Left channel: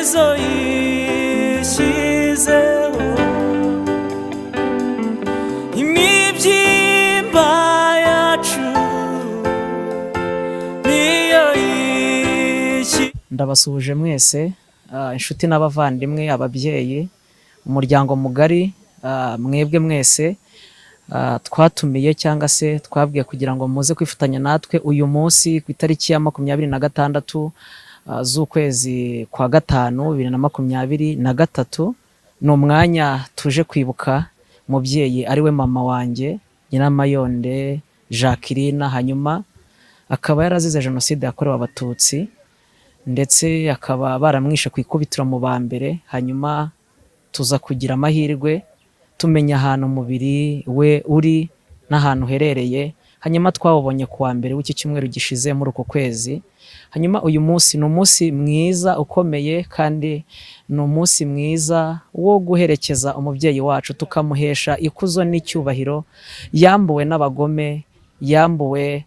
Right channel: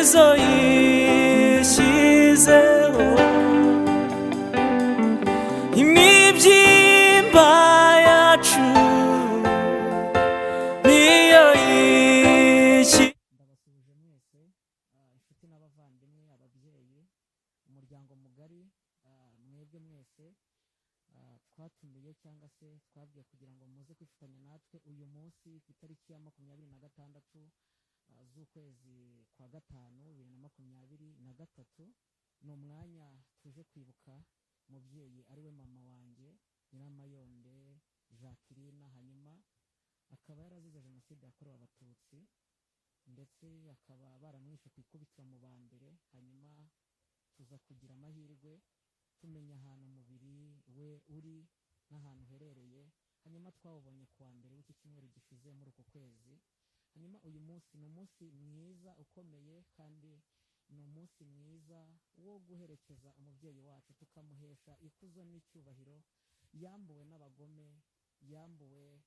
nizo yishyizeho imibyimba yacu niyo yishyizeho. Ndabasuhuje mwese inshuti n'abavandimwe, ababyeyi, umuryango mugari, mwebwe mwese twatumiye cyangwa se twabwiye kugira ngo muze kwifatanya natwe uyu munsi ku itariki ya 26 z'ukwezi kwa gatanu 2023. Ni umwanya tuje kwibuka umubyeyi ari we mama wanjye Nyiramayonde Jacqueline, hanyuma akaba yarazize jenoside yakorewe abatutsi ndetse akaba baramwishe ku ikubitiro mu ba mbere. Hanyuma tuza kugira amahirwe tumenya ahantu umubiri we uri n'ahantu uherereye, hanyuma twawubonye kuwa mbere w'iki cyumweru gishize muri uko kwezi. Hanyuma uyu munsi ni umunsi mwiza ukomeye kandi ni umunsi mwiza wo guherekeza umubyeyi wacu tukamuhesha ikuzo n'icyubahiro yambuwe n'abagome, yambuwe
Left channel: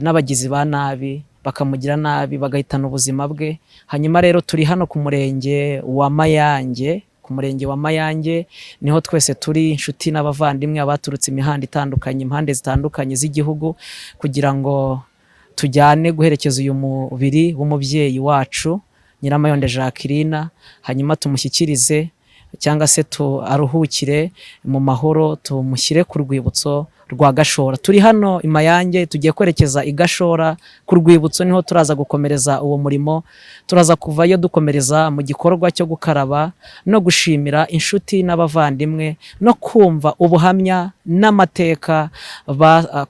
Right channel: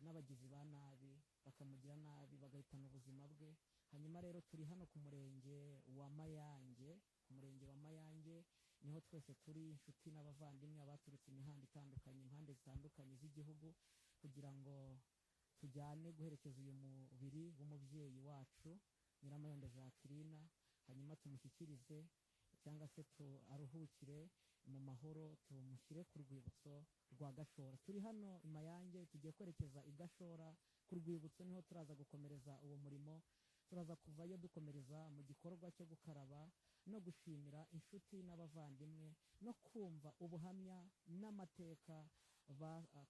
n'abagizi ba nabi, bakamugira nabi bagahitana ubuzima bwe. Hanyuma rero turi hano ku murenge wa Mayange, ku murenge wa Mayange niho twese turi, inshuti n'abavandimwe abaturutse imihanda itandukanye, impande zitandukanye z'igihugu, kugira ngo tujyane guherekeza uyu mubiri w'umubyeyi wacu Nyiramayonde Jacqueline, hanyuma tumushyikirize cyangwa se aruhukire mu mahoro, tumushyire ku rwibutso rwa Gashora. Turi hano i Mayange, tugiye kwerekeza i Gashora ku rwibutso, niho turaza gukomereza uwo murimo. Turaza kuvayo dukomereza mu gikorwa cyo gukaraba no gushimira inshuti n'abavandimwe no kumva ubuhamya n'amateka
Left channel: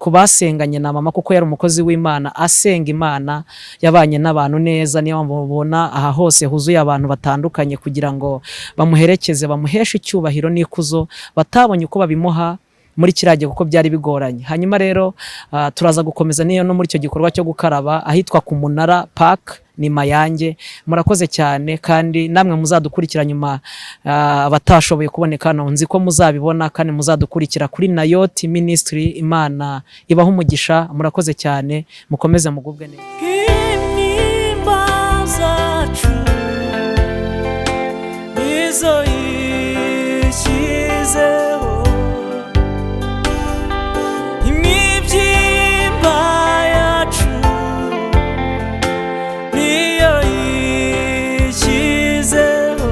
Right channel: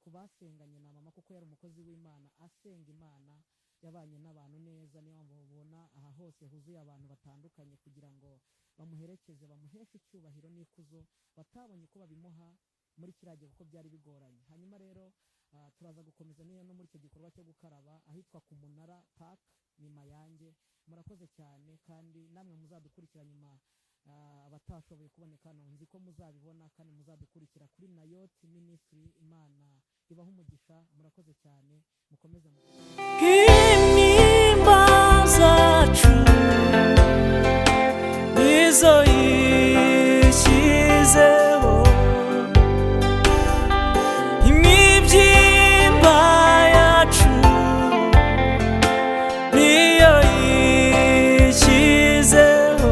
ku basenganye na mama, kuko yari umukozi w'Imana asenga Imana, yabanye n'abantu neza. Niyo mubona aha hose huzuye abantu batandukanye kugira ngo bamuherekeze, bamuheshe icyubahiro n'ikuzo batabonye uko babimuha muri kirage kuko byari bigoranye. Hanyuma rero turaza gukomeza niyo no muri icyo gikorwa cyo gukaraba ahitwa ku Munara Park ni Mayange. Murakoze cyane kandi namwe muzadukurikira nyuma, abatashoboye kuboneka hano nzi ko muzabibona kandi muzadukurikira kuri Nayoti Ministry. Imana ibaho umugisha, murakoze cyane, mukomeze mugubwe neza. Intimba zacu nizo yishyizeho imibyimba yacu niyo yishyizeho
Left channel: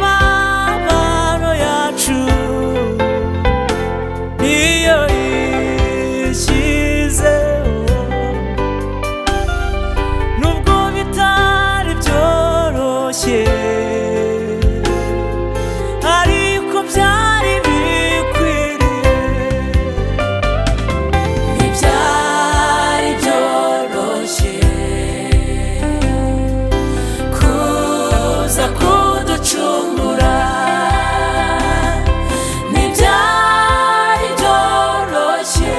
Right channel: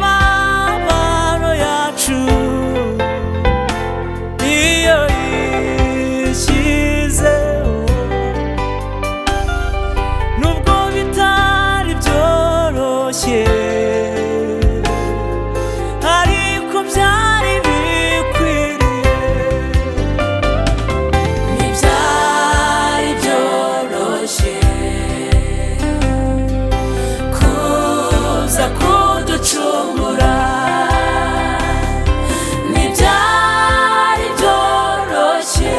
imibabaro yacu niyo yishyizeho. Nubwo bitari byoroshye ariko byari bikwiriye, ntibyari byoroshye kuza kuducungura, ntibyari byoroshye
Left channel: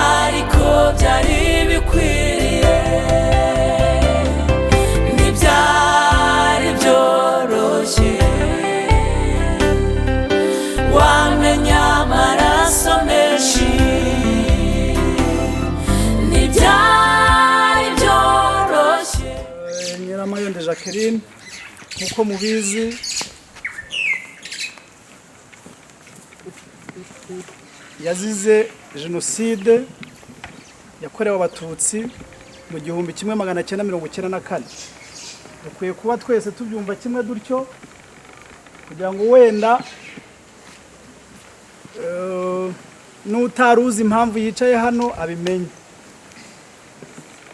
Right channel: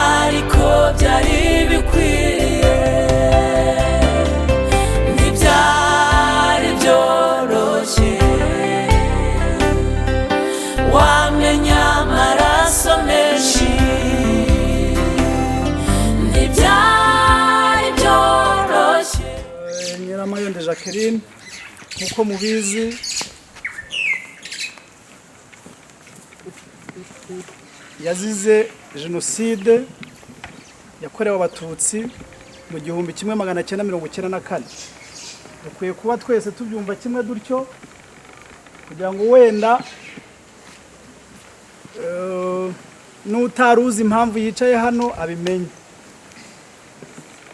ariko byari bikwiriye, ntibyari byoroshye. Wamenya amaraso menshi, ntibyari byoroshye. Nyiramayonde Jacqueline, nk'uko mubizi, yazize jenoside yakorewe abatutsi mu 1994. dukwiye kuba twese tubyumva kimwe dutyo kugira ngo wenda n'utaruzi impamvu yicaye hano abimenye.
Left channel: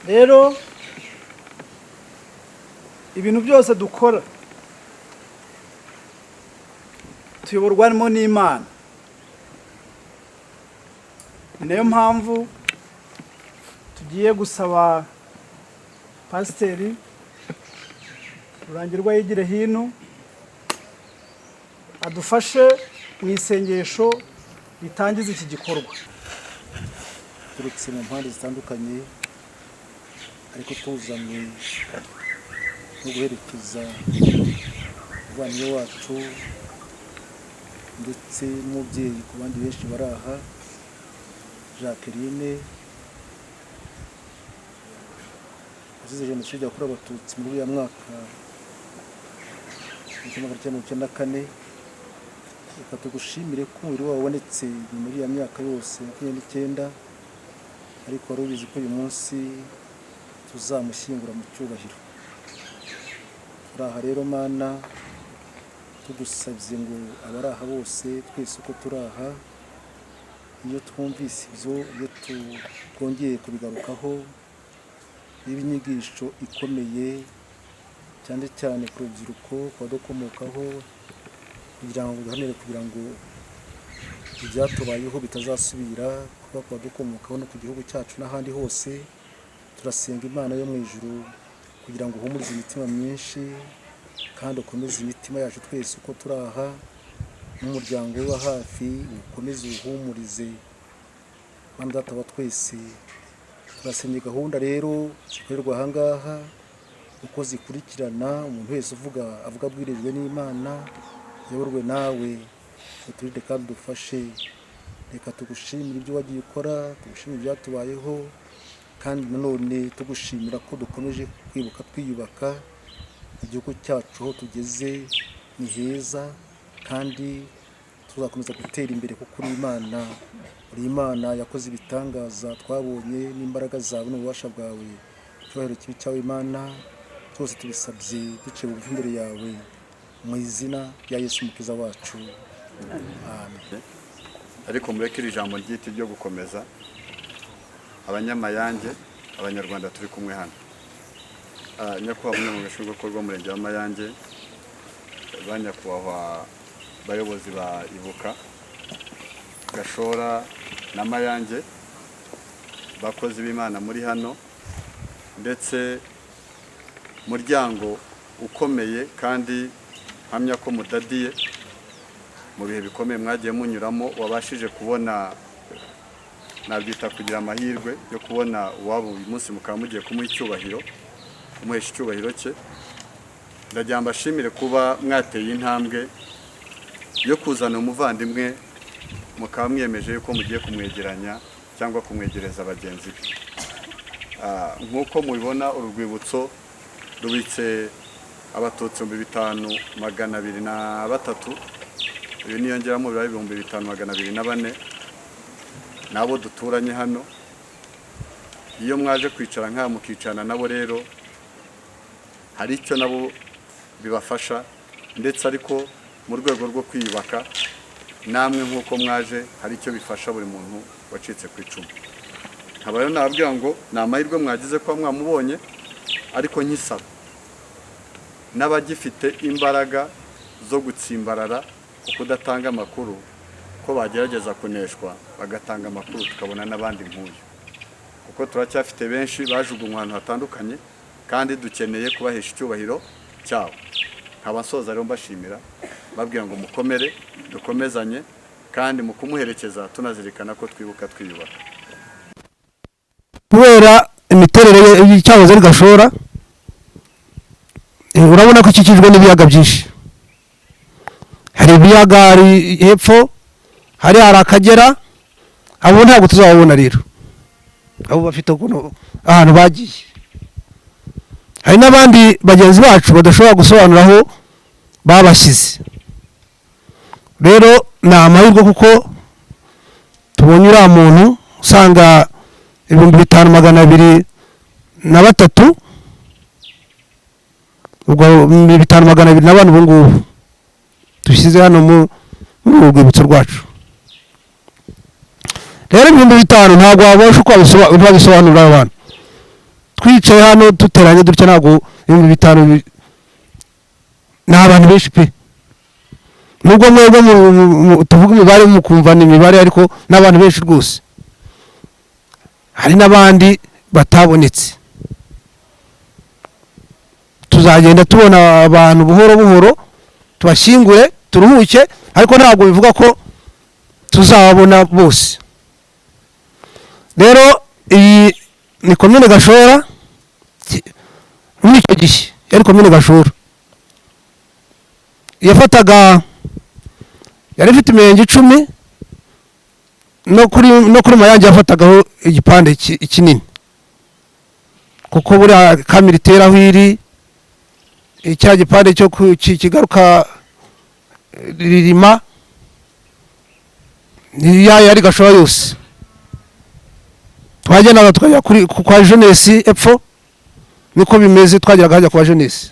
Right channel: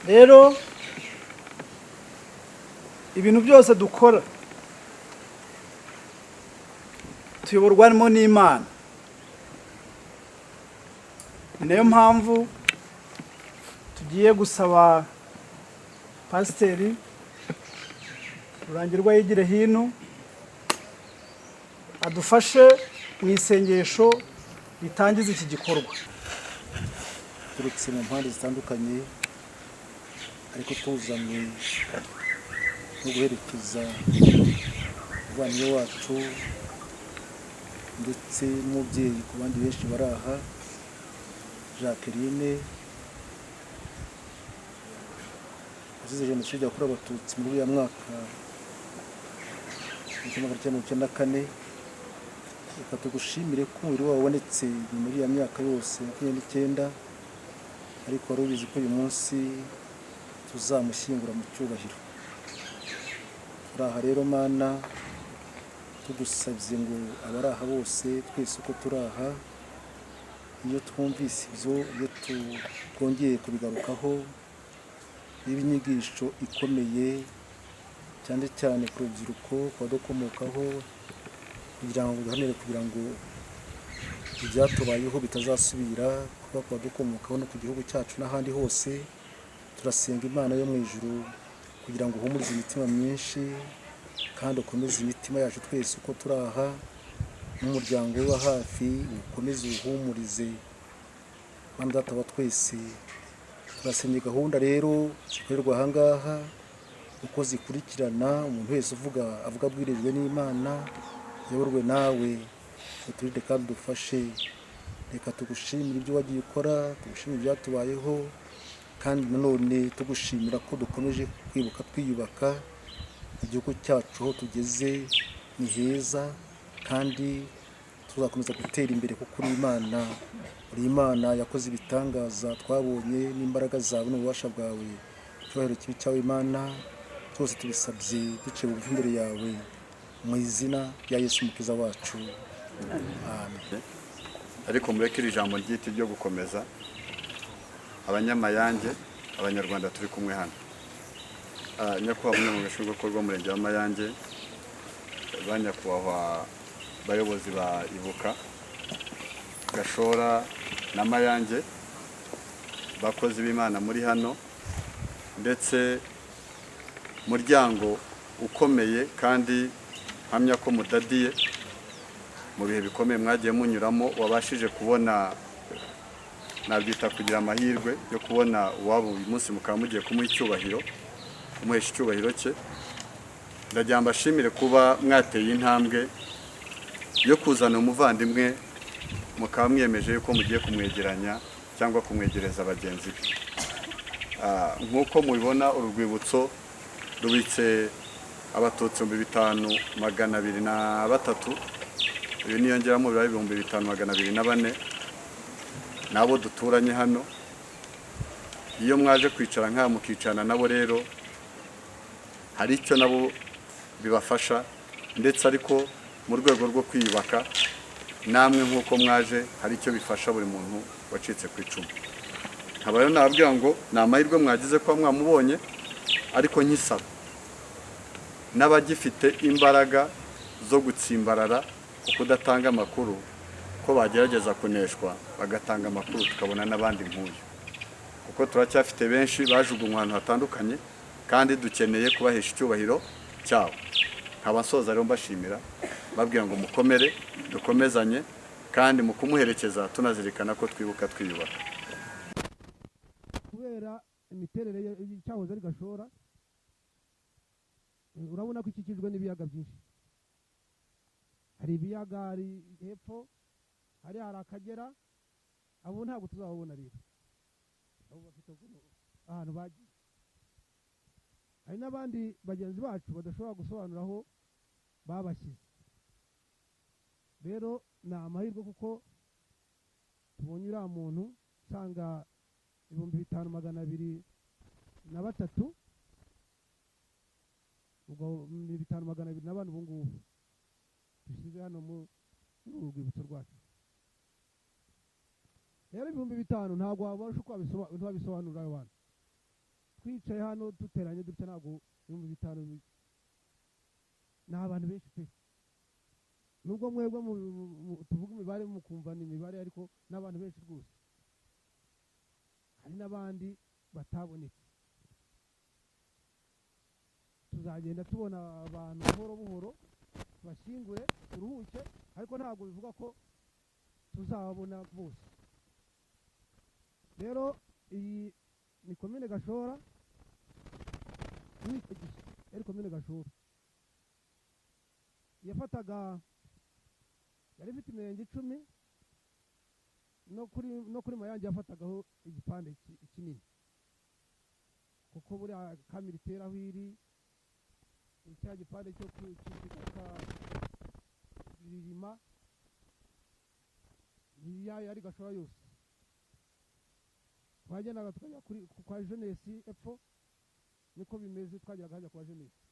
Rero ibintu byose dukora tuyoborwamo n'Imana. Ni nayo mpamvu tugiye gusaba Pasiteri Rurangirwa Yigire Hino adufashe mu isengesho ritangiza iki gikorwa. Turutse mu mpande zitandukanye ariko tuzanywe no guherekeza umuvandimwe wacu ndetse n'umubyeyi ku bandi benshi bari aha, Jacqueline yazize jenoside yakorewe abatutsi muri uriya mwaka w'1994. Reka tugushimire ko umubiri wawe wabonetse muri iriya myaka yose 29, ariko wari ubizi ko uyu munsi tuzamushyingura mu cyubahiro. Turaha rero Mana tugusabye ngo abari aha bose twese uko turaha, iyo twumvise ibyo, iyo twongeye kubigarukaho, n'ibinyigisho ikomeye cyane cyane ku rubyiruko kwadukomokaho, kugira ngo duhanire kugira ngo ibyatubayeho bitazasubira kuba kwadukomokaho no ku gihugu cyacu n'ahandi hose. Turasenga Imana yo mu ijuru kugira ngo uhumurize imitima myinshi kandi ukomeze imitima yacu twese uko turaha, n'umuryango wa hafi ukomeze uhumurize. Mana Data wa twese, turasenye gahunda rero zikorerwa aha ngaha uko zikurikirana, umuntu wese avuga abwirijwe n'Imana, yayoborwe nawe, uturinde kandi dufashe. Reka tugushimire ibyo wagiye ukora, tugushimire ibyatubayeho, kandi nanone tugushimira ko dukomeje kwibuka twiyubaka. Igihugu cyacu aho tugeze ni heza, kandi tuzakomeza gutera imbere kuko uri Imana. Uri Imana yakoze ibitangaza twabonye n'imbaraga zawe n'ububasha bwawe. Icyubahiro kibi cyawe Imana, twose tubisabye duciye bugufi imbere yawe, mu izina rya Yesu Umukiza wacu, amen. Ariko mureke iri jambo ry'iti ryo gukomeza abanyamayange, abanyarwanda turi kumwe hano. Nyakubahwa umunyamabanga w'Umurenge w'Umurenge wa Mayange, ba nyakubahwa bayobozi ba Ibuka, Gashora na Mayange, bakozi b'Imana muri hano, ndetse muryango ukomeye kandi hamya ko mudadiye mu bihe bikomeye mwagiye munyuramo, wabashije kubona, nabyita kugira amahirwe yo kubona uwabo uyu munsi mukaba mugiye kumuha icyubahiro, kumuhesha icyubahiro cye. Ndagira mbashimire kuba mwateye intambwe yo kuzana umuvandimwe, mukaba mwiyemeje yuko mugiye kumwegeranya cyangwa kumwegereza bagenzi be. Nk'uko mubibona, urwibutso rubitse abatutsi 5203, uyu niyongeramo bibaye 5204 nabo duturanye hano. Iyo mwaje kwicara nk'aha mukicana nabo rero hari icyo nabo bibafasha, ndetse ariko mu rwego rwo kwiyubaka namwe nk'uko mwaje hari icyo bifasha buri muntu wacitse ku icumu. Nkaba rero nababwira ngo ni amahirwe mwagize ko mwamubonye, ariko nkisaba n'abagifite imbaraga zo gutsimbarara kudatanga amakuru, ko bagerageza kuneshwa bagatanga amakuru, tukabona n'abandi nk'uyu, kuko turacyafite benshi bajugunywe ahantu hatandukanye, kandi dukeneye kubahesha icyubahiro cyabo. Nkaba nsoza rero mbashimira, babwira ngo mukomere, dukomezanye, kandi mu kumuherekeza tunazirikana ko twibuka twiyubaka. Kubera imiterere y'icyahoze ari Gashora, urabona ko ikikijwe n'ibiyaga byinshi. Hari ibiyaga hari hepfo, hari Akagera, abo ntabwo tuzababona rero, abo bafite ahantu bagiye. Hari n'abandi bagenzi bacu badashobora gusobanura aho babashyize. Rero ni amahirwe kuko tubonye uriya muntu usanga 5203, ubwo 5204 ubu ngubu dushyize hano mu rwibutso rwacu. Rero 5000 ntabwo wabasha uko babisobanurira abantu. Twicaye hano duteranye dutya, ntabwo 5000 ni abantu benshi pe. Nubwo mwebwe tuvuga imibare mukumva ni imibare, ariko n'abantu benshi rwose. Hari n'abandi batabonetse. Tuzagenda tubona abantu buhoro buhoro, tubashyingure turuhuke, ariko ntabwo bivuga ko tuzababona bose. Rero iyi ni komine Gashora, muri icyo gihe yari komine Gashora, yari ifite imirenge 10, no kuri Mayange yafatagaho igipande kinini. kuko buriya kamera itera aho iri icya gipande cyo kigaruka ririma yari Gashora yose twagendaga tukajya kwa jeunesse epfo niko bimeze twageraga hajya kwa jeunesse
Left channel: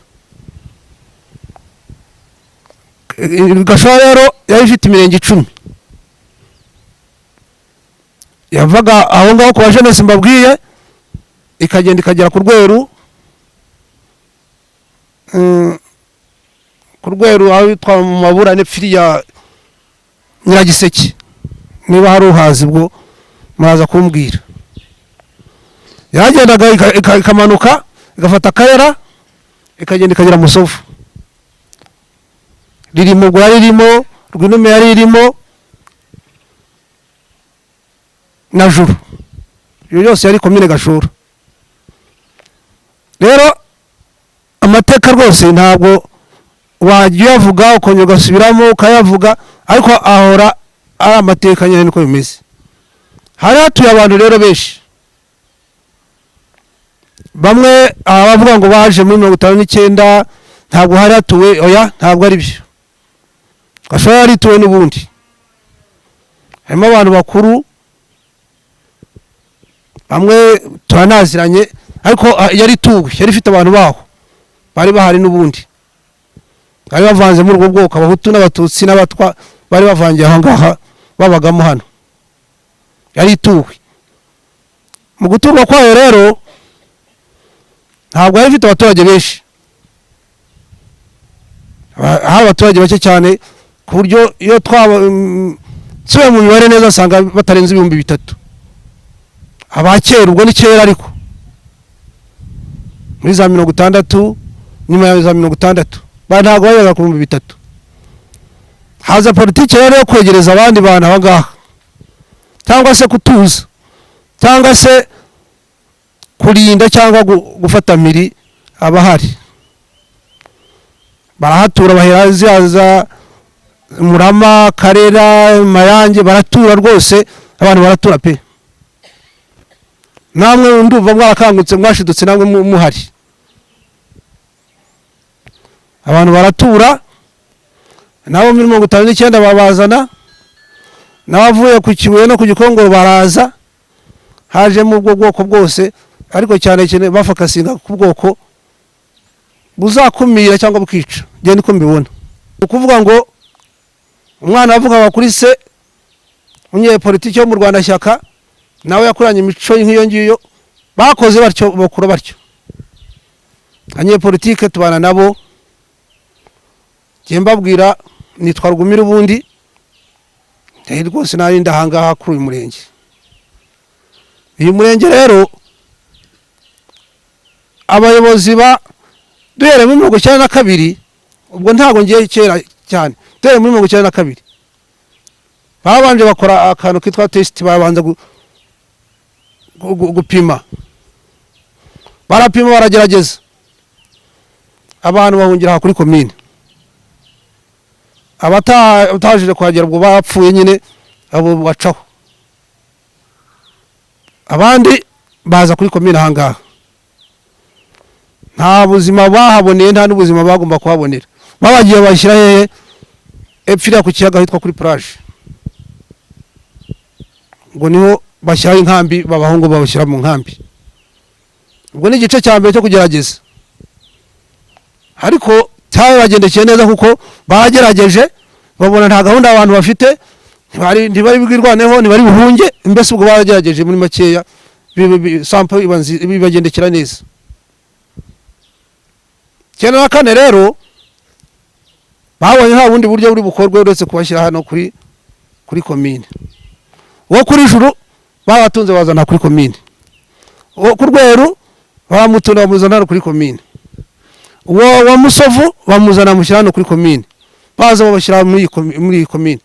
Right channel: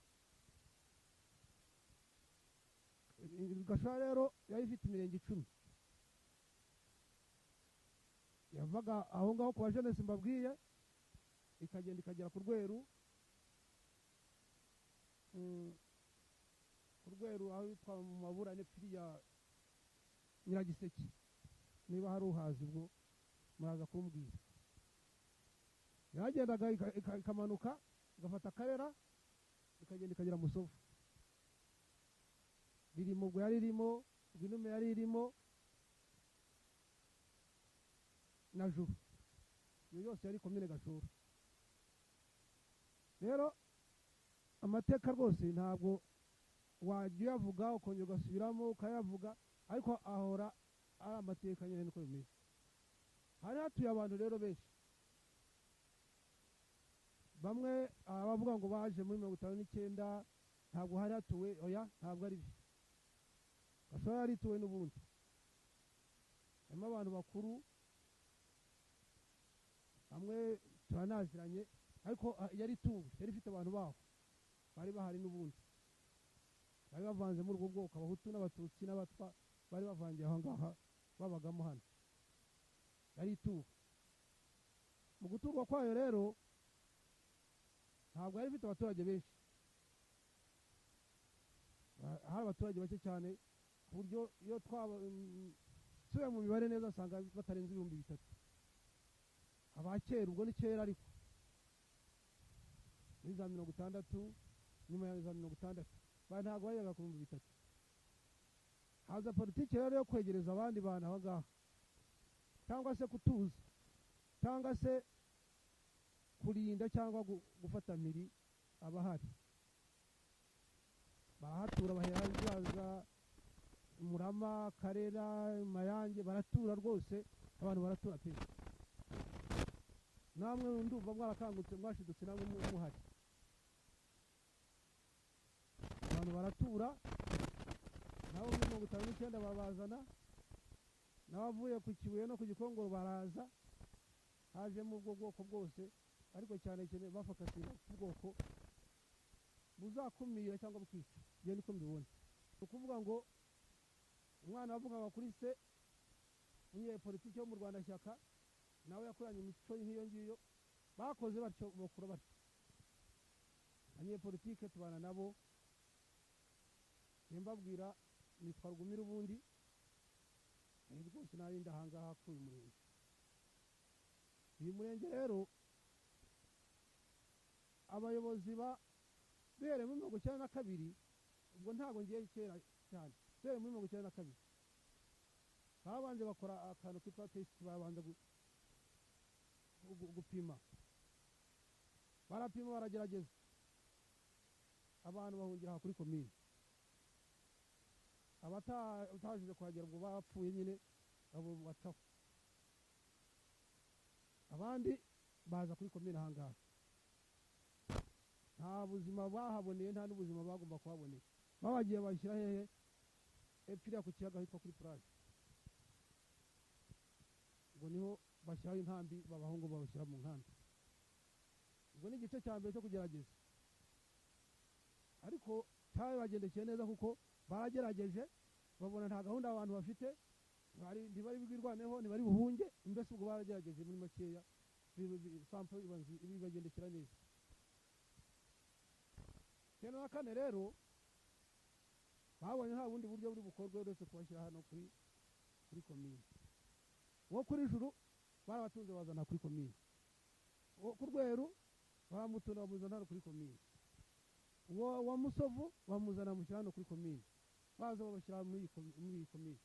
Gashora rero yari ifite imirenge 10 yavaga aho ngaho kwa jeunesse mbabwiye ikagenda ikagera ku Rweru aho twa mu maburane firiya Nyiragiseke niba hari uhazi bwo muraza kumbwira yagendaga ikamanuka igafata Akayera ikagenda ikagera Musovu ririmo gwa ririmo Rwinume yari irimo na Juru iyo yose yari komine Gashora rero amateka rwose ntabwo wajya uyavuga ukongera ugasubiramo ukayavuga ariko ahora ari amateka nyine niko bimeze hari hatuye abantu rero benshi bamwe abavuga ngo baje muri 59 ntabwo hari hatuwe oya ntabwo ari byo Gashora yari tuwe n'ubundi harimo abantu bakuru bamwe turanaziranye ariko yari tuwe yari ifite abantu baho bari bahari n'ubundi bari bavanze muri ubwo bwoko Abahutu n'Abatutsi n'Abatwa bari bavangiye aho ngaha babagamo hano yari tuwe mu guturwa kwayo rero ntabwo yari ifite abaturage benshi hari abaturage bake cyane ku buryo iyo tsuye mu mibare neza asanga batarenze 3,000 abakera ubwo ni kera ariko muri za 60 nyuma ya za 60 ntabwo bayaga ku 3,000 haza politiki rero yo kwegereza abandi bantu aba ngaha cyangwa se kutuza cyangwa se kurinda cyangwa gufata miri abahari barahatura bahera ziza Murama Karera Mayange baratura rwose abantu baratura pe namwe ndumva mwarakangutse mwashidutse namwe muhari abantu baratura nabo muri 59 babazana nabavuye ku Kibuye no ku Gikongoro baraza haje mu bwoko bwose ariko cyane cyane bafakasinga ku bwoko buzakumira cyangwa bukica je niko mbibona ukuvuga ngo umwana avuga kuri se unye politiki yo mu Rwanda shyaka nawe yakuranye imico nk'iyo ngiyo bakoze batyo bakura batyo anye politiki tubana nabo mbabwira nitwa Rugumira ubundi rwose nari ndahangaha kuri uyu murenge uyu murenge rero abayobozi duhere muri 92 ubwo ntago ngiye kera cyane duhere muri 92 babanje bakora akantu kitwa test babanza gupima barapima baragerageza abantu bahungira kuri komine abatajije kwagera ubwo bapfuye nyine abo bacaho abandi baza kuri komine ahangaha nta buzima bahaboneye nta n'ubuzima bagomba kuhabonera babagiye bashyira hehe epfira ku kiyaga hitwa kuri plage ngo niho bashyira inkambi babahungu babashyira mu nkambi ubwo ni igice cya mbere cyo kugerageza ariko cyabagendekeye neza kuko bagerageje babona nta gahunda abantu bafite ntibari bwirwaneho ntibari buhunge mbese ubwo bagerageje muri makeya sample bibagendekera neza 94 rero babonye nta bundi buryo buri bukorwe uretse kubashyira hano kuri komine wo kuri Juru babatunze bazana kuri komine wo ku Rweru bamutunda bamuzana kuri komine wa Musovu bamuzana mushyirano kuri komine baza babashyira muri komine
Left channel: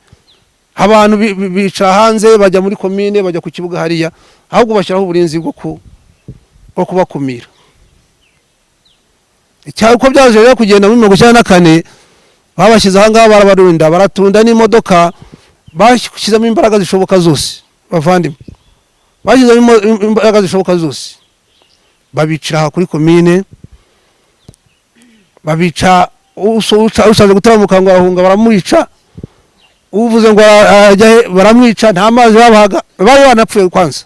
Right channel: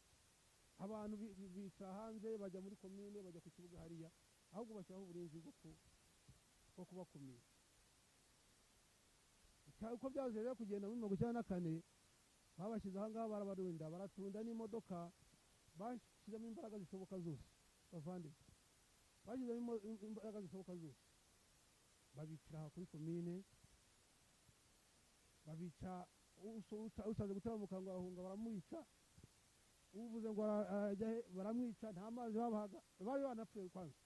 abantu bica hanze bajya muri komine bajya ku kibuga hariya ahubwo bashyiraho uburinzi bwo kubakumira uko byaje rero kugenda muri 94 babashyize ahangaha barabarinda baratunda n'imodoka bashyizemo imbaraga zishoboka zose bavandimwe bashyizemo imbaraga zishoboka zose babicira kuri komine, babica ushaje gutaramuka ngo arahunga baramwica, uvuze ngo ajya baramwica, nta mazi babahaga, bari banapfuye kwanza.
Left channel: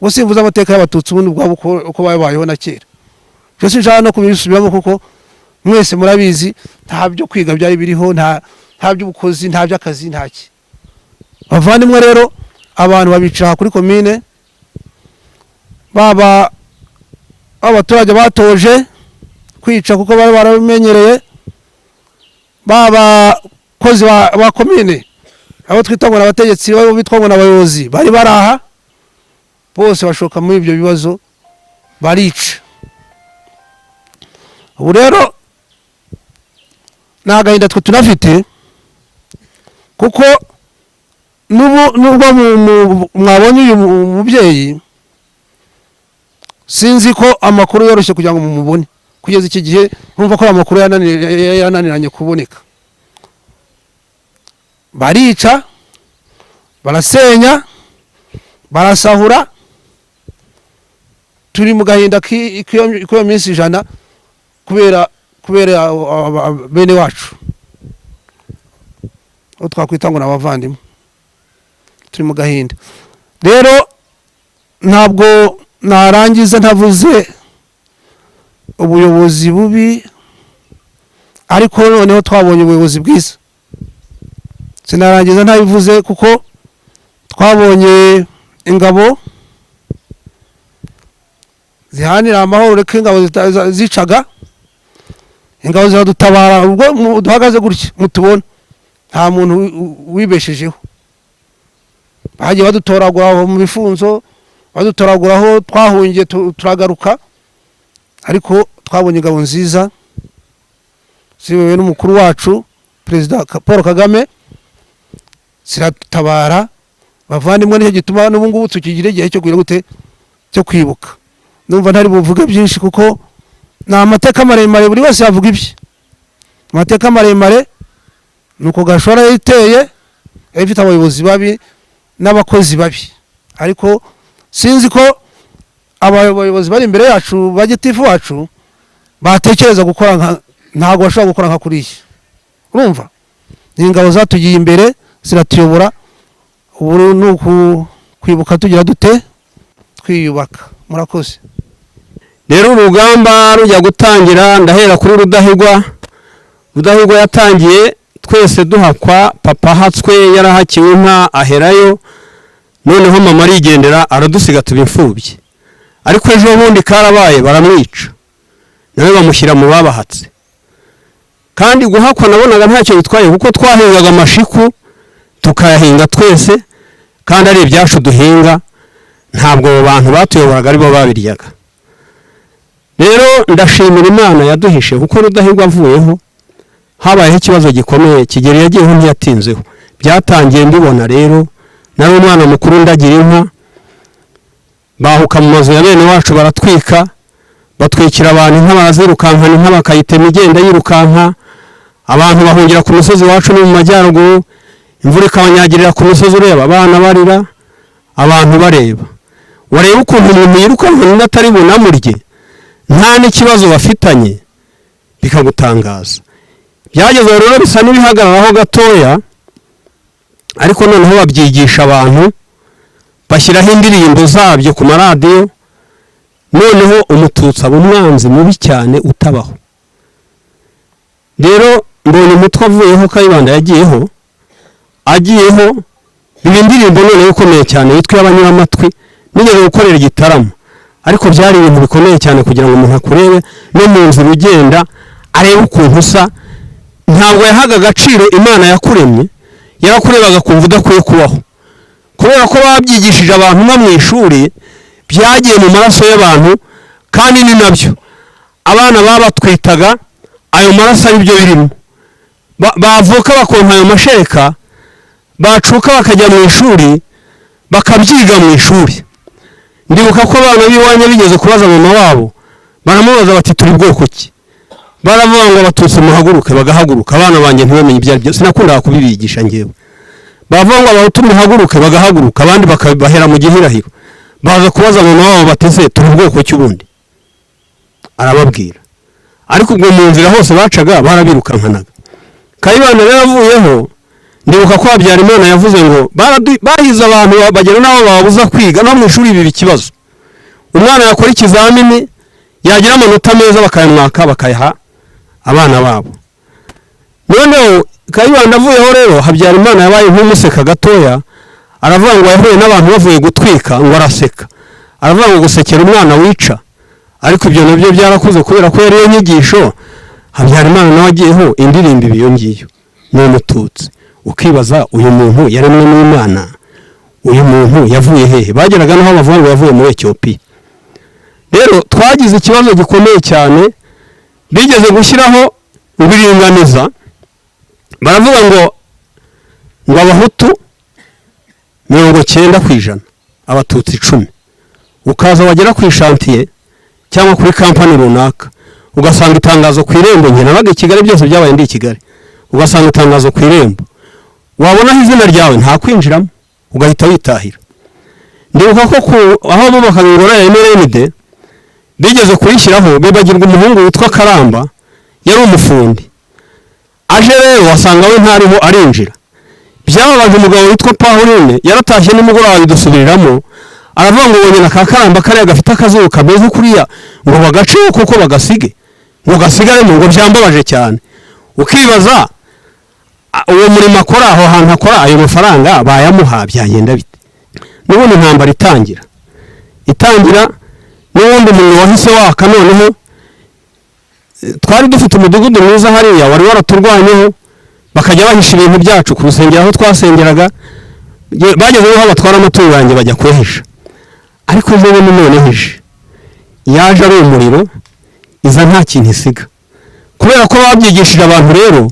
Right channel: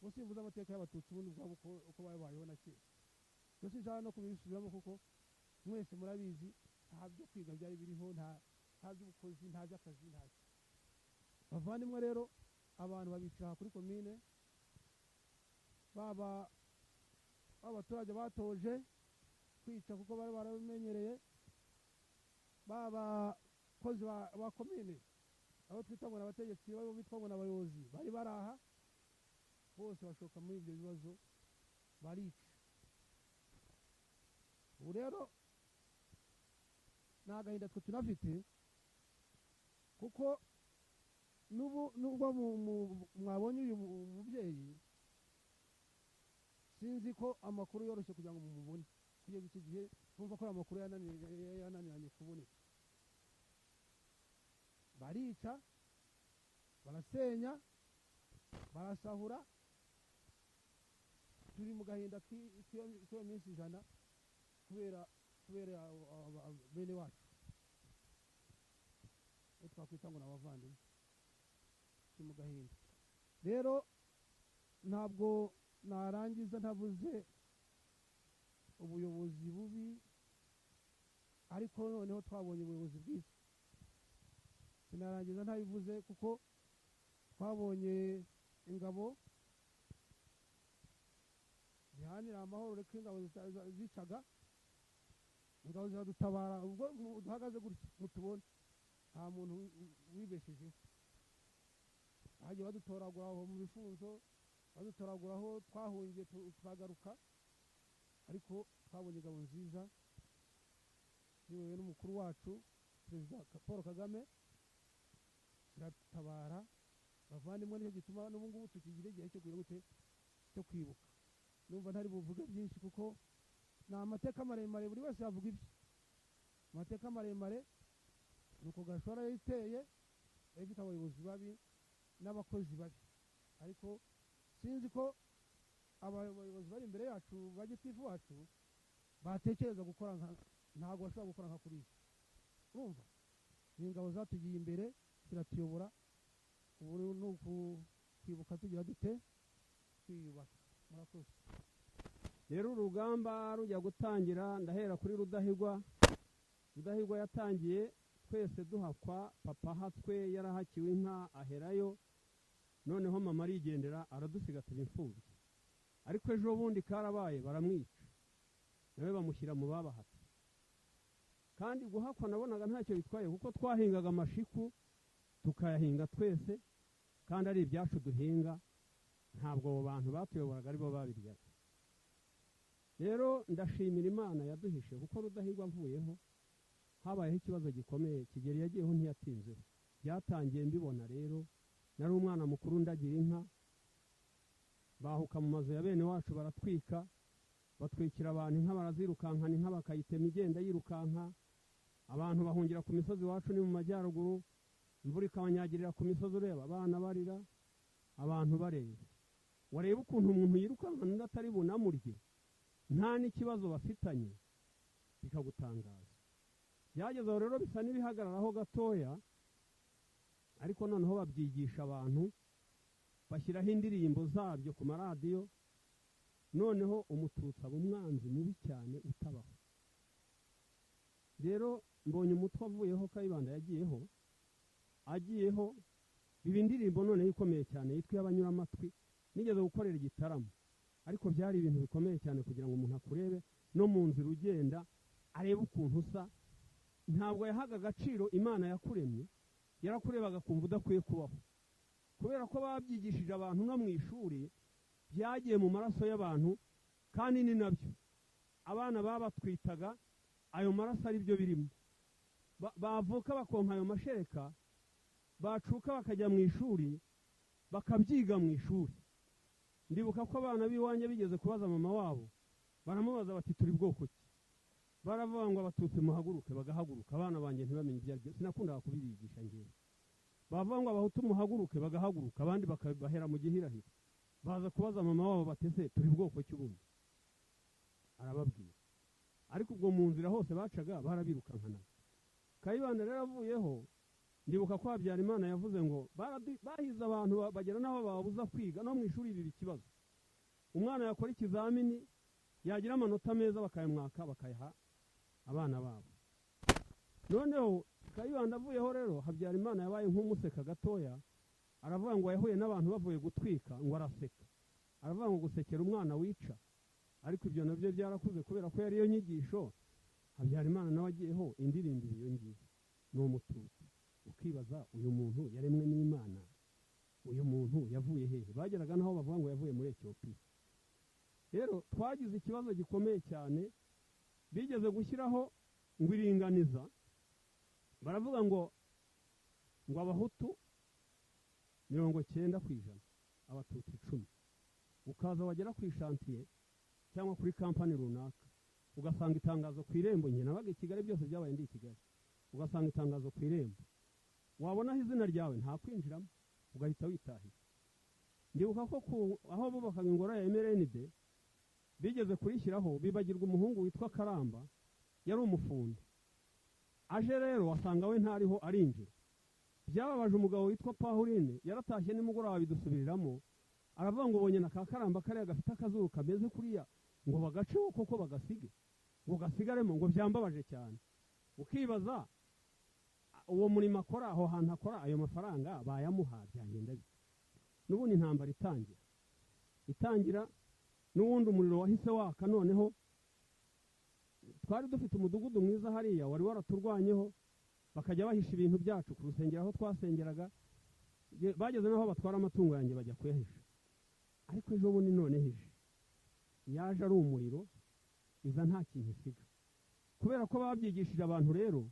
Ubwo simvuze amateka y'abatutsi ubundi bwabo uko babayeho na kera. Byo sinshaka no kubisubiramo kuko mwese murabizi nta byo kwiga byari biriho, nta by'ubukozi, nta by'akazi, ntaki. Bavandimwe rero abantu babica kuri komine, baba abaturage batoje kwica kuko bari baramenyereye, baba kozi ba komine abo twita ngo abategetsi babo bitwa ngo abayobozi bari baraha, bose bashoka muri ibyo bibazo barica. Ubu rero nagahinda twe tunafite kuko nubwo mwabonye uyu mubyeyi, sinzi ko amakuru yoroshye kugira ngo mumubone. Kugeza iki gihe numva ko amakuru yananiranye kuboneka. Barica, barasenya, barasahura, turi mu gahinda k'iyo minsi 100 kubera bene wacu twakwita ngo n'abavandimwe, turi mu gahinda. Rero ntabwo narangiza ntavuze ubuyobozi bubi, ariko noneho twabonye ubuyobozi bwiza. Sinarangiza ntabivuze kuko twabonye ingabo zihanira amahoro, reka ingabo zicaga, ingabo ziradutabara. Ubwo duhagaze gutya mutubona nta muntu wibeshejeho, bagiye badutoragura mu bifunzo, badutoraguraho twahungiye turagaruka, ariko twabonye ingabo nziza ziyobowe n'umukuru wacu Perezida Paul Kagame, ziradutabara. Bavandimwe, nicyo gituma n'ubu ngubu tukigira igihe cyo kugira gute cyo kwibuka. Ndumva ntari buvuge byinshi kuko ni amateka maremare, buri wese yavuga ibye. Amateka maremare nuko Gashora yiteye, ifite abayobozi babi n'abakozi babi, ariko sinzi ko abayobozi bari imbere yacu bagitifu wacu batekereza gukora ntago bashobora gukora nka kuriya. Urumva ni ingabo zatugiye imbere ziratuyobora. Ubu nuko kwibuka tugira dute twiyubaka. Murakoze. Rero urugamba rujya gutangira, ndahera kuri Rudahigwa. Rudahigwa yatangiye twese duhakwa, papa hatswe yarahakiwe inka aherayo, noneho mama arigendera aradusiga tuba imfubyi. Ariko ejo bundi karabaye baramwica, nawe bamushyira mu babahatse. Kandi guhakwa nabonaga ntacyo bitwaye kuko twahingaga amashiku tukayahinga twese, kandi ari ibyacu duhinga, ntabwo abo bantu batuyoboraga ari bo babiryaga. Rero ndashimira Imana yaduhishe kuko Rudahigwa avuyeho habayeho ikibazo gikomeye. Kigeli yagiyeho ntiyatinzeho, byatangiye mbibona. Rero nari umwana mukuru ndagira inka, bahuka mu mazu ya bene wacu baratwika, batwikira abantu inka, barazirukankana inka bakayitema igenda yirukanka. Abantu bahungira ku musozi wacu no mu majyaruguru, imvura ikabanyagirira ku musozi, ureba abana barira, abantu bareba. Wareba ukuntu umuntu yirukanka atari bunamurye, nta n'ikibazo bafitanye, bikagutangaza. Byageze rero bisa n'ibihagararaho gatoya, ariko noneho babyigisha abantu, bashyiraho indirimbo zabyo ku maradiyo, noneho umututsi aba umwanzi mubi cyane utabaho. Rero mbonye umutwe avuyeho, Kayibanda agiyeho ibi ndirimbo noneho ikomeye cyane yitwa Abanyuramatwi. Nigeze gukorera igitaramo, ariko byari ibintu bikomeye cyane kugira ngo umuntu akurebe no mu nzira ugenda arebe ukuntu usa. Ntabwo yahaga agaciro Imana yakuremye, yarakurebaga kumva udakwiye kubaho, kubera ko babyigishije abantu no mu ishuri, byagiye mu maraso y'abantu. Kandi ni nabyo abana babatwitaga, ayo maraso ari byo birimo. Bavuka bakonka ayo mashereka, bacuka bakajya mu ishuri bakabyiga mu ishuri. Ndibuka ko abana b'iwanya bigeze kubaza mama wabo, baramubaza bati turi bwoko ki? Baravuga ngo Abatutsi muhaguruke, bagahaguruka. Abana banjye ntibamenye ibyo ari byo, sinakundaga kubibigisha ngewe. Bavuga ngo Abahutu muhaguruke, bagahaguruka, abandi bakabahera mu gihirahiro. Baza kubaza mama wabo batese turi bwoko ki ubundi? arababwira ariko ubwo mu nzira hose bacaga barabirukankanaga. Kayibanda rero avuyeho ndibuka ko Habyarimana yavuze ngo bahize abantu bagera n'abo babuza kwiga no mu ishuri ibi ikibazo. Umwana yakora ikizamini yagira amanota meza bakayamwaka bakayaha abana babo. Noneho Kayibanda avuyeho rero Habyarimana yabaye nk'umuseka gatoya, aravuga ngo yahuye n'abantu bavuye gutwika ngo araseka, aravuga ngo gusekera umwana wica. Ariko ibyo nabyo byarakuze kubera ko yari inyigisho. Habyarimana nawe agiyeho indirimbo ibiyo ngiyo ni umututsi. Ukibaza uyu muntu yaremwe n'Imana, uyu muntu yavuye hehe? Bageraga naho bavuga ngo yavuye muri Ethiopia. Rero twagize ikibazo gikomeye cyane, bigeze gushyiraho ubiringaniza, baravuga ngo abahutu 90%, abatutsi 10. Ukaza wagera ku ishantiye cyangwa kuri kampani runaka ugasanga itangazo ku irembo, njye nabaga i Kigali, byose byabaye ndi i Kigali, ugasanga itangazo ku irembo, wabona izina ryawe nta kwinjiramo ugahita witahira. Ndibuka ko aho bubakaga ingoro ya MRND bigeze kurishyiraho bibagirwa umuhungu witwa Karamba, yari umufundi. Aje rero wasanga we ntariho arinjira. Byababaje umugabo witwa Pauline, yaratashye nimugoroba bidusubiriramo, aravuga ngo wonyine ka Karamba kare gafite akazuba kameze kuriya ngo bagace kuko bagasige ngo gasigare mu ngo byambabaje cyane. Ukibaza uwo murimo akora aho hantu akora ayo mafaranga bayamuha byagenda bite? N'ubundi intambara itangira n'ubundi umuntu wahise waka. Noneho twari dufite umudugudu mwiza hariya wari waraturwanyeho, bakajya bahisha ibintu byacu ku rusengero aho twasengeraga, bagezeho batwara amatungo yanjye bajya kwehisha. Ariko ejo none hije yaje ari umuriro, iza nta kintu isiga, kubera ko babyigishije abantu. Rero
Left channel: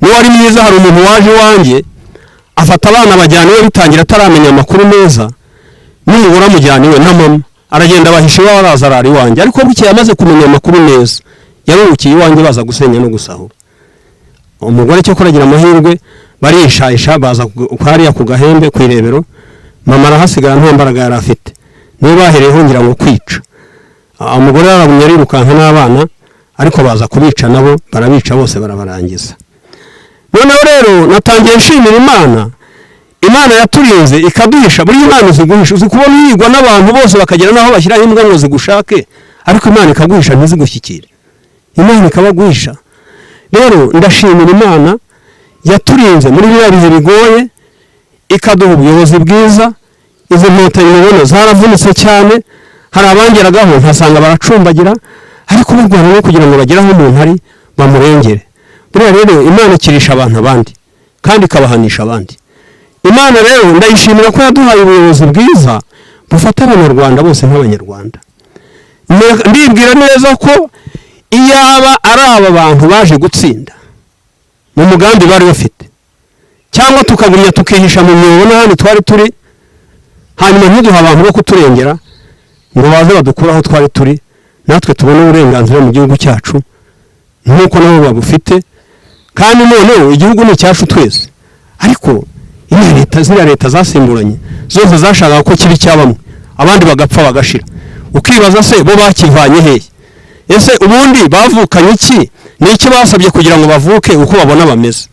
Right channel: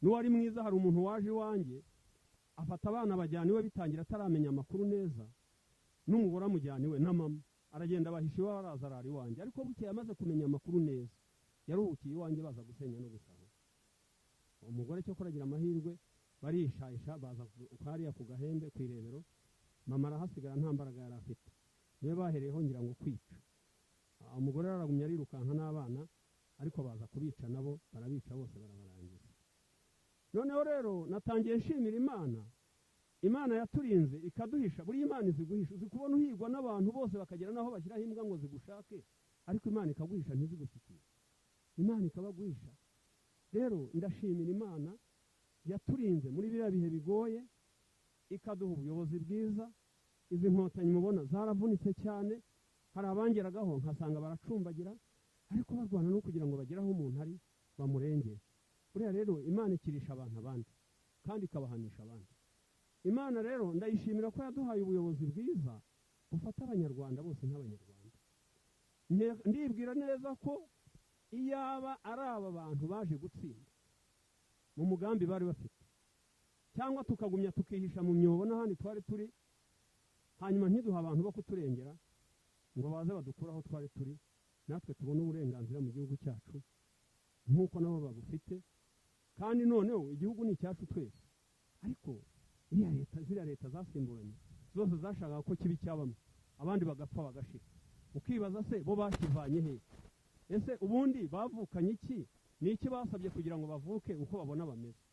niwe ari mwiza. Hari umuntu waje wanjye afata abana bajyana iwe bitangira ataramenya amakuru meza, n'umugore amujyana iwe na mama, aragenda bahisha iwe arazarara iwanjye. Ariko bukeye amaze kumenya amakuru neza yaruhukiye iwanjye baza gusenya no gusahura. Umugore cyo kuragira amahirwe barishayisha baza hariya ku Gahembe ku Irebero, mama arahasigara nta mbaraga yari afite, niwe bahereyeho ngira ngo kwica. Umugore yarabunye arirukanka n'abana, ariko baza kubica nabo, barabica bose barabarangiza. Noneho rero natangiye nshimira Imana yaturinze ikaduhisha. Buri Imana iziguhisha, uzi kubona yigwa n'abantu bose bakagera naho bashyiraho imbwa ngo zigushake, ariko Imana ikaguhisha ntizigushyikire, Imana ikabaguhisha. Rero ndashimira Imana yaturinze muri biriya bihe bigoye, ikaduha ubuyobozi bwiza. Izi nkotanyi mubona zaravunitse cyane, hari abangeragaho ntasanga baracumbagira, ariko barwana no kugira ngo bagere aho umuntu ari bamurengere. Buriya rero Imana ikirisha abantu abandi kandi ikabahanisha abandi. Imana rero ndayishimira ko yaduhaye ubuyobozi bwiza bufata abanyarwanda bose nk'abanyarwanda. Ndibwira neza ko iyaba ari aba bantu baje gutsinda mu mugambi bari bafite, cyangwa tukagumya tukihisha mu myobo n'ahandi twari turi, hanyuma ntiduha abantu bo kuturengera ngo baze badukuraho twari turi, natwe tubone uburenganzira mu gihugu cyacu nk'uko nabo babufite. Kandi noneho igihugu ni cyacu twese. Ariko ziriya leta zasimburanye zose zashakaga ko kibi cyabamwe, abandi bagapfa bagashira. Ukibaza se bo bakivanye hehe? Ese ubundi bavukanye iki? Ni iki basabye kugira ngo bavuke uko babona bameze?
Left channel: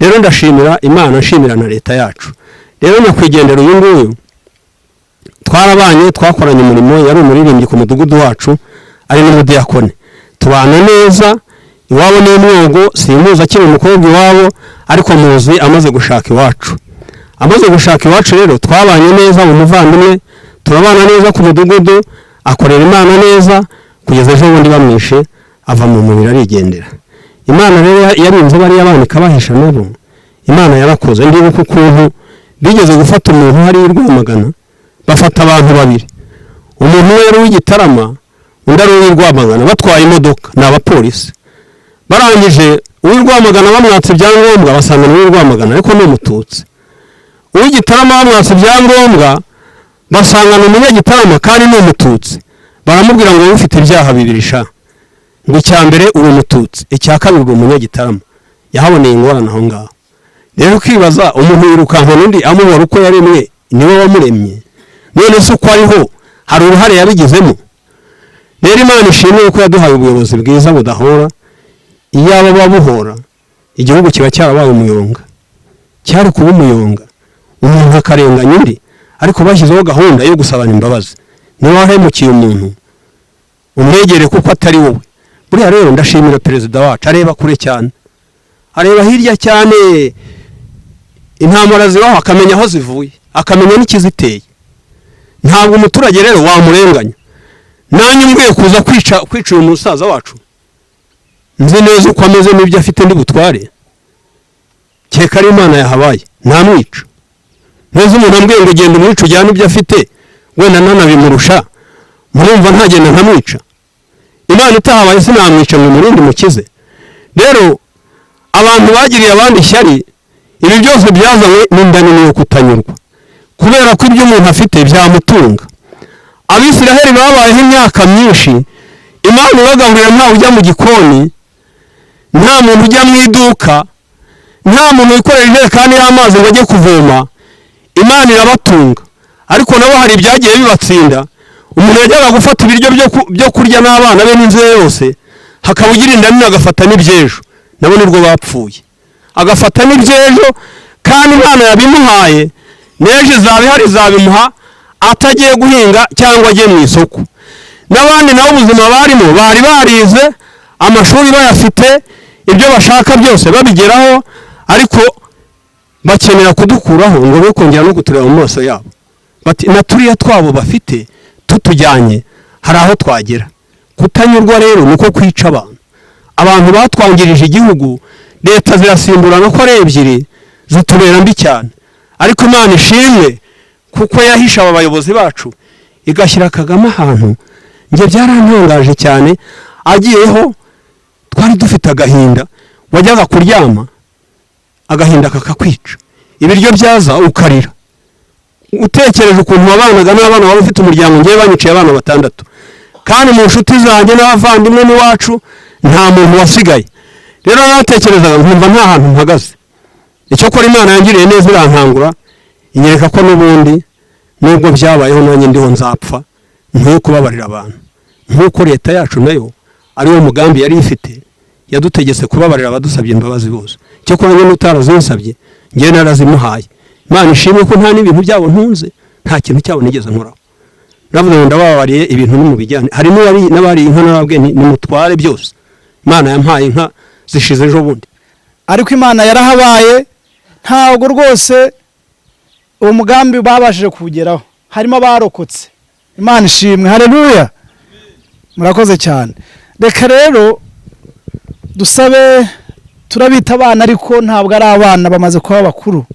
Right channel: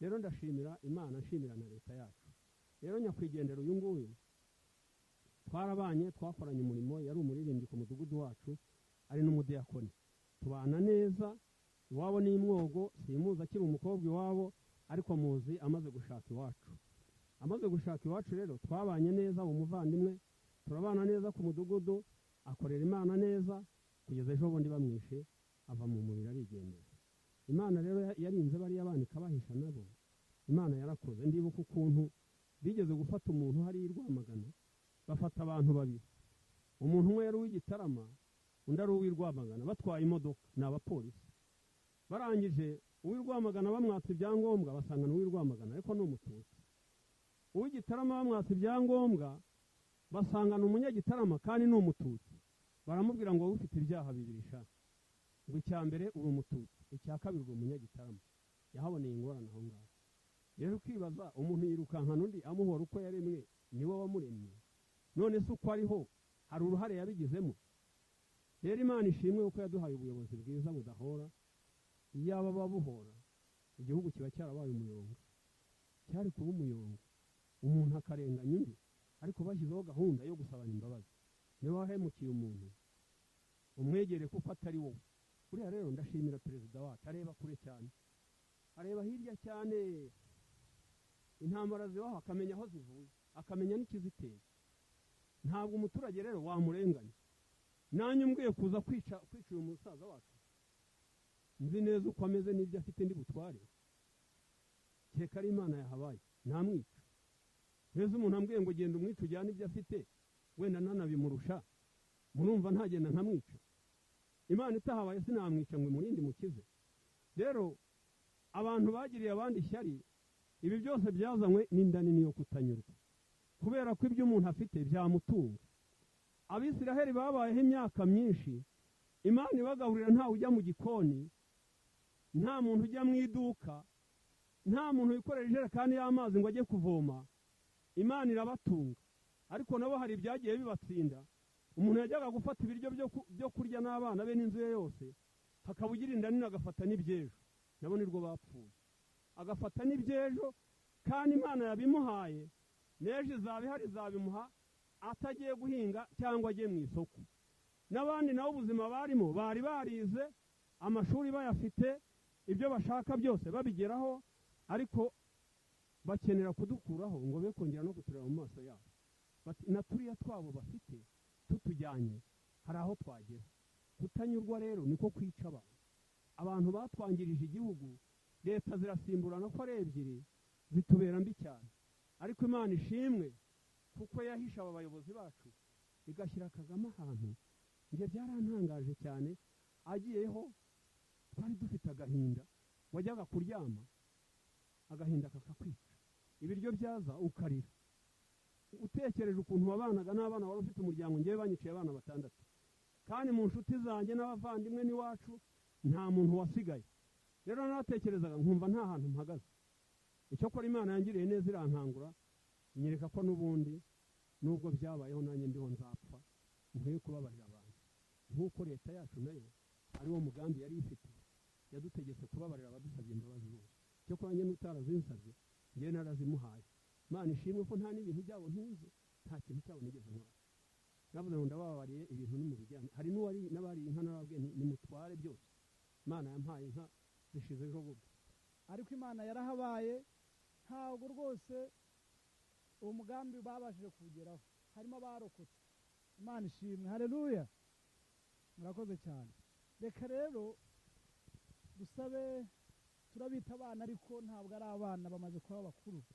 Rero ndashimira Imana, nshimira na leta yacu. Rero nyakwigendera uyu nguyu twarabanye, twakoranye umurimo, yari umuririmbyi ku mudugudu wacu, ari n'umudiyakone, tubana neza. Iwabo ni umwogo, simuza akiri umukobwa iwabo, ariko muzi amaze gushaka iwacu. Amaze gushaka iwacu rero twabanye neza, umuvandimwe, turabana neza ku mudugudu, akorera Imana neza, kugeza ejo bundi bamwishe ava mu mubiri arigendera. Imana rero yarinze bariya abana ikabahisha nabo. Imana yarakoze. Ndibuka ukuntu bigeze gufata umuntu hari Rwamagana, bafata abantu babiri, umuntu we yari w'Igitarama, undi ari w'Rwamagana, batwaye imodoka n'abapolisi. Barangije uw'Rwamagana bamwatse ibyangombwa, basanga n'uw'Rwamagana ariko ni umututsi. Uw'Igitarama bamwatse ibyangombwa, basanga n'umunyagitarama kandi ni umututsi. Baramubwira ngo ufite ibyaha bibiri sha, ngo icya mbere uri umututsi, icya kabiri uri umunyagitarama. Yahaboneye ingorane aho ngaho. Rero ukibaza umuntu yirukanka n'undi amubara uko yaremwe, niwe wamuremye. None se uko ariho hari uruhare yabigizemo? rero Imana ishimwe ko yaduhaye ubuyobozi bwiza budahora. Iyaba babuhora igihugu kiba cyarabaye umuyonga, cyari kuba umuyonga, umuntu akarenganya undi, ariko bashyizeho gahunda yo gusabana imbabazi. Niba wahemukiye umuntu umwegere kuko atari wowe. Buriya rero ndashimira perezida wacu, areba kure cyane, areba hirya cyane, intambara zibaho akamenya aho zivuye, akamenya n'ikiziteye. Ntabwo umuturage rero wamurenganya. Nanjye mbwiye kuza kwica uyu musaza wacu, nzi neza uko ameze n'ibyo afite ndi butware, keka ari Imana yahabaye ntamwica. Neza umuntu ambwiye ngo genda umwica ujyane ibyo afite, wenda nanabimurusha, murumva ntagenda ntamwica. Imana itahabaye sinamwica ngo murindi mukize. Rero abantu bagiriye abandi ishyari, ibi byose byazanywe n'indaniro yo kutanyurwa, kubera ko ibyo umuntu afite byamutunga. Abisiraheli babayeho imyaka myinshi, Imana ibagaburira ntawe ujya mu gikoni, nta muntu ujya mu iduka, nta muntu wikorera ijerekani y'amazi ngo ajye kuvoma. Imana irabatunga, ariko nabo hari ibyagiye bibatsinda. Umuntu yajyaga gufata ibiryo byo kurya n'abana be n'inzu ye yose, hakaba ugira inda nini agafata n'ibyejo, nabo nirwo bapfuye. Agafata n'ibyejo kandi Imana yabimuhaye, n'ejo izabihari izabimuha atagiye guhinga cyangwa agiye mu isoko. N'abandi nabo ubuzima barimo bari barize, amashuri bayafite, ibyo bashaka byose babigeraho, ariko bakenera kudukuraho ngo be kongera no kutureba mu maso yabo. Bati naturiya twabo bafite tutujyanye hari aho twagera. Kutanyurwa rero nuko kwica abantu. Abantu batwangirije igihugu, leta zirasimburana ko ari ebyiri, zitubera mbi cyane. Ariko Imana ishimwe kuko yahisha aba bayobozi bacu, igashyira Kagame ahantu. Nge byarantangaje cyane, agiyeho twari dufite agahinda, wajyaga kuryama agahinda kakakwica, ibiryo byaza ukarira, utekereje ukuntu wabanaga n'abana wari ufite umuryango. Ngewe banyiciye abana 6, kandi mu nshuti zanjye n'abavandimwe n'iwacu nta muntu wasigaye. Rero natekerezaga nkumva nta hantu mpagaze. Icyo kora Imana yangiriye neza irankangura, inyereka ko n'ubundi nubwo byabayeho nanjye ndiho nzapfa, nkwiye kubabarira abantu. Nkuko leta yacu nayo ari wo mugambi yari ifite, yadutegetse kubabarira abadusabye imbabazi bose. Cyo kora njye n'utarazinsabye ngewe narazimuhaye. Imana ishimwe ko nta n'ibintu byabo ntunze, nta kintu cyabo nigeze nkoraho. Navuze ngo ndababariye ibintu n'umubijyane. Hari n'abari inka narabwe nimutware byose. Imana yampaye inka zishize ejo bundi. Ariko Imana yarahabaye, ntabwo rwose uwo mugambi babashije kugeraho. Harimo abarokotse. Imana ishimwe. Haleluya. Murakoze cyane. Reka rero dusabe, turabita abana ariko ntabwo ari abana, bamaze kuba bakuru.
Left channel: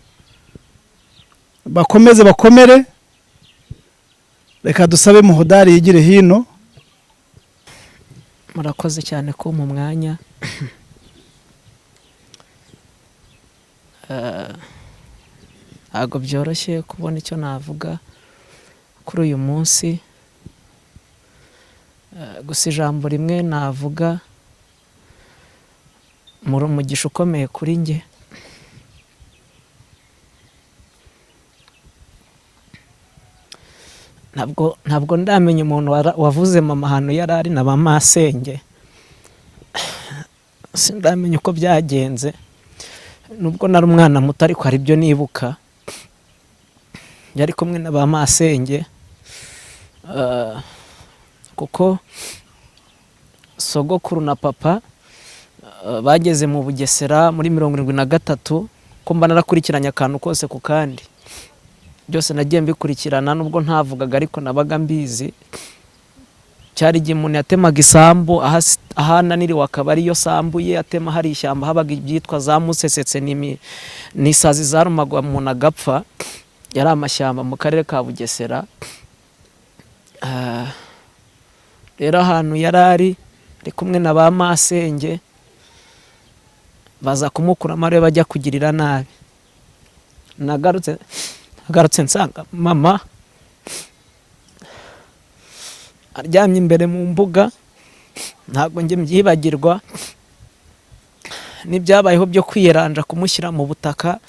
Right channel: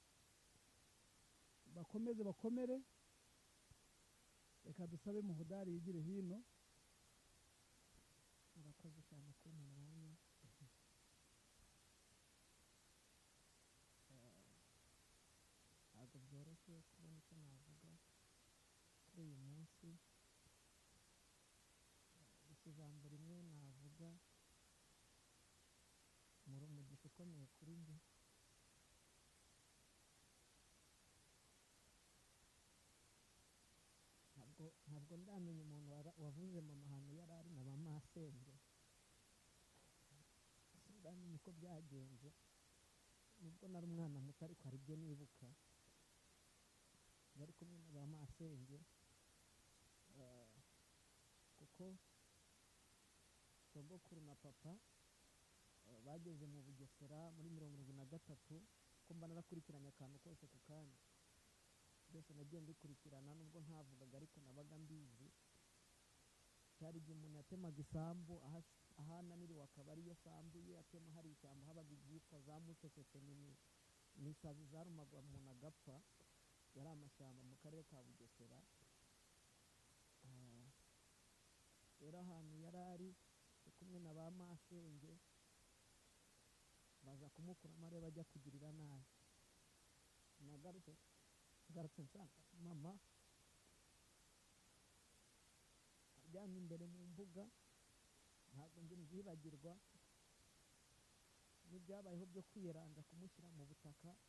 Bakomeze bakomere. Reka dusabe Muhodari yigire hino. Murakoze cyane ko mu mwanya. Ntabwo byoroshye kubona icyo navuga kuri uyu munsi. Gusa ijambo rimwe navuga, muri umugisha ukomeye kuri nge. Ntabwo ndamenya umuntu wavuze mama hano yarari na bamasenge. Sindamenya uko byagenze, nubwo nari umwana muto ariko hari ibyo nibuka. Yari kumwe na bamasenge, kuko sogokuru na papa bageze mu Bugesera muri 73, ko mba narakurikiranye akantu kose ku kandi. Byose nagiye mbikurikirana nubwo ntavugaga ariko nabaga mbizi. Cyari igihe umuntu yatemaga isambu, ahananiriwe akaba ariyo sambu ye atema, hari ishyamba habaga ibyitwa za musesetse n'isazi zarumagwa umuntu agapfa. Yari amashyamba mu karere ka Bugesera. Rero ahantu yarari ari kumwe na ba masenge, baza kumukuramo ariwe bajya kugirira nabi. Nagarutse nsanga mama aryamye imbere mu mbuga. Ntabwo njye mbyibagirwa n'ibyabayeho byo kwiyeranja kumushyira mu butaka.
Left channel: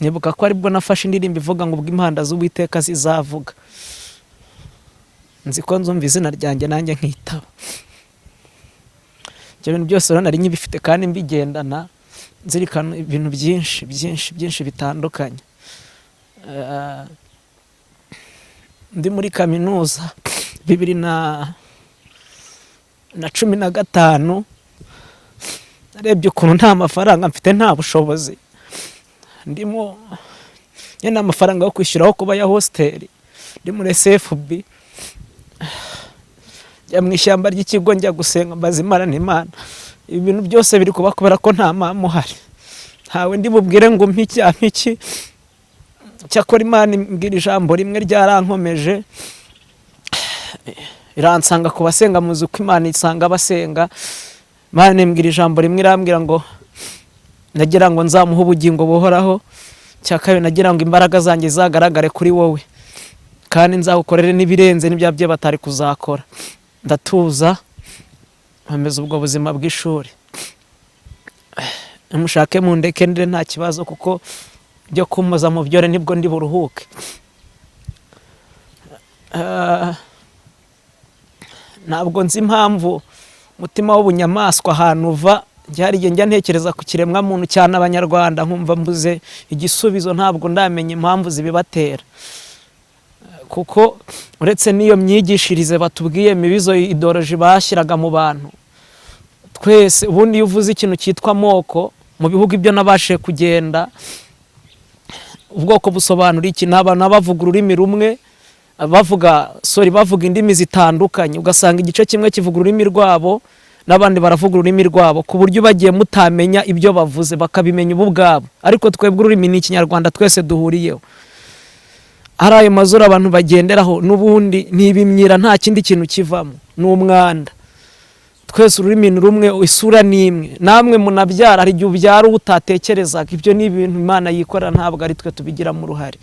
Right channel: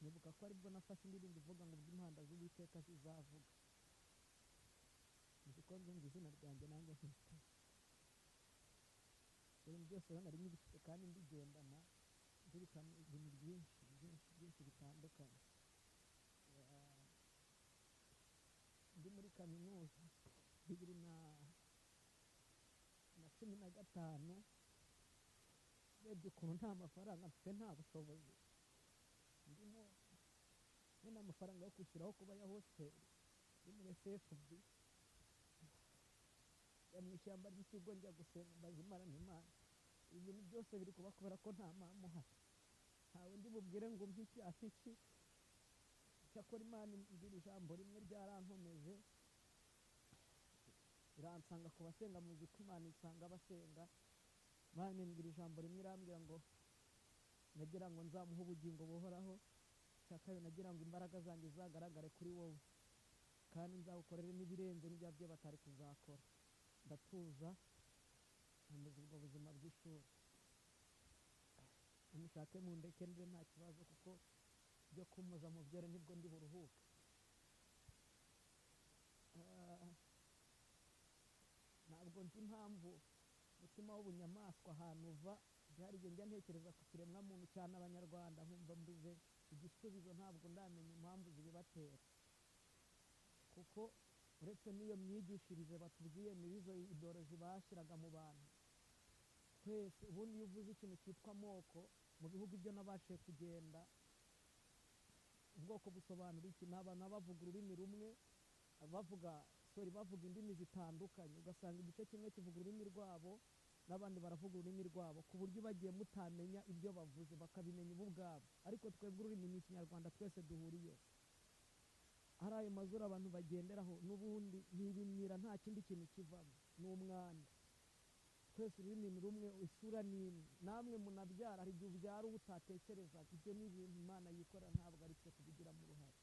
Nibuka ko aribwo nafashe indirimbo ivuga ngo ubwo impanda z'Uwiteka zizavuga. nzi ko nzumva izina ryanjye nanjye nkitaba. Ibyo bintu byose rero nari nkibifite kandi mbigendana nzirikana ibintu byinshi bitandukanye. Ndi muri kaminuza 2015 narebye ukuntu nta mafaranga mfite, nta bushobozi ndimo, nyine amafaranga yo kwishyuraho kuba ya hostel, ndi muri SFB, njya mu ishyamba ry'ikigo njya gusenga mbaza Imana n'Imana ibi bintu byose biri kuba kubera ko nta mama uhari, ntawe ndi bubwire ngo mpiki. Cyakora Imana imbwira ijambo rimwe ryarankomeje, iransanga ku basenga, muzi uko Imana isanga abasenga. Imana imbwira ijambo rimwe, irambwira ngo nagira ngo nzamuhe ubugingo buhoraho. Cya kabiri nagira ngo imbaraga zanjye zagaragare kuri wowe kandi nzagukorere n'ibirenze n'ibya bye batari kuzakora. Ndatuza nkomeza ubwo buzima bw'ishuri, mushake mu ndeke ndire nta kibazo, kuko byo kumuza mu byore nibwo ndi buruhuke. Ntabwo nzi impamvu umutima w'ubunyamaswa ahantu uva, hari igihe njya ntekereza ku kiremwa muntu cyane Abanyarwanda nkumva mbuze igisubizo, ntabwo ndamenya impamvu zibibatera, kuko uretse n'iyo myigishirize batubwiye mibizo ideology bashyiraga mu bantu twese. Ubundi iyo uvuze ikintu cyitwa amoko mu bihugu ibyo nabashije kugenda, ubwoko busobanura iki? N'abantu bavuga ururimi rumwe, bavuga indimi zitandukanye, ugasanga igice kimwe kivuga ururimi rwabo n'abandi baravuga ururimi rwabo, ku buryo bagiye mutamenya ibyo bavuze bakabimenya ubu bwabo, ariko twebwe ururimi ni Ikinyarwanda twese duhuriyeho. Hari ayo mazuru abantu bagenderaho n'ubundi n'ibimyira, nta kindi kintu kivamo, n'umwanda. Twese ururimi ni rumwe, isura ni imwe. Namwe munabyara, hari igihe ubyara utatekerezaga. Ibyo ni ibintu Imana yikorera, ntabwo ari twe tubigiramo uruhare.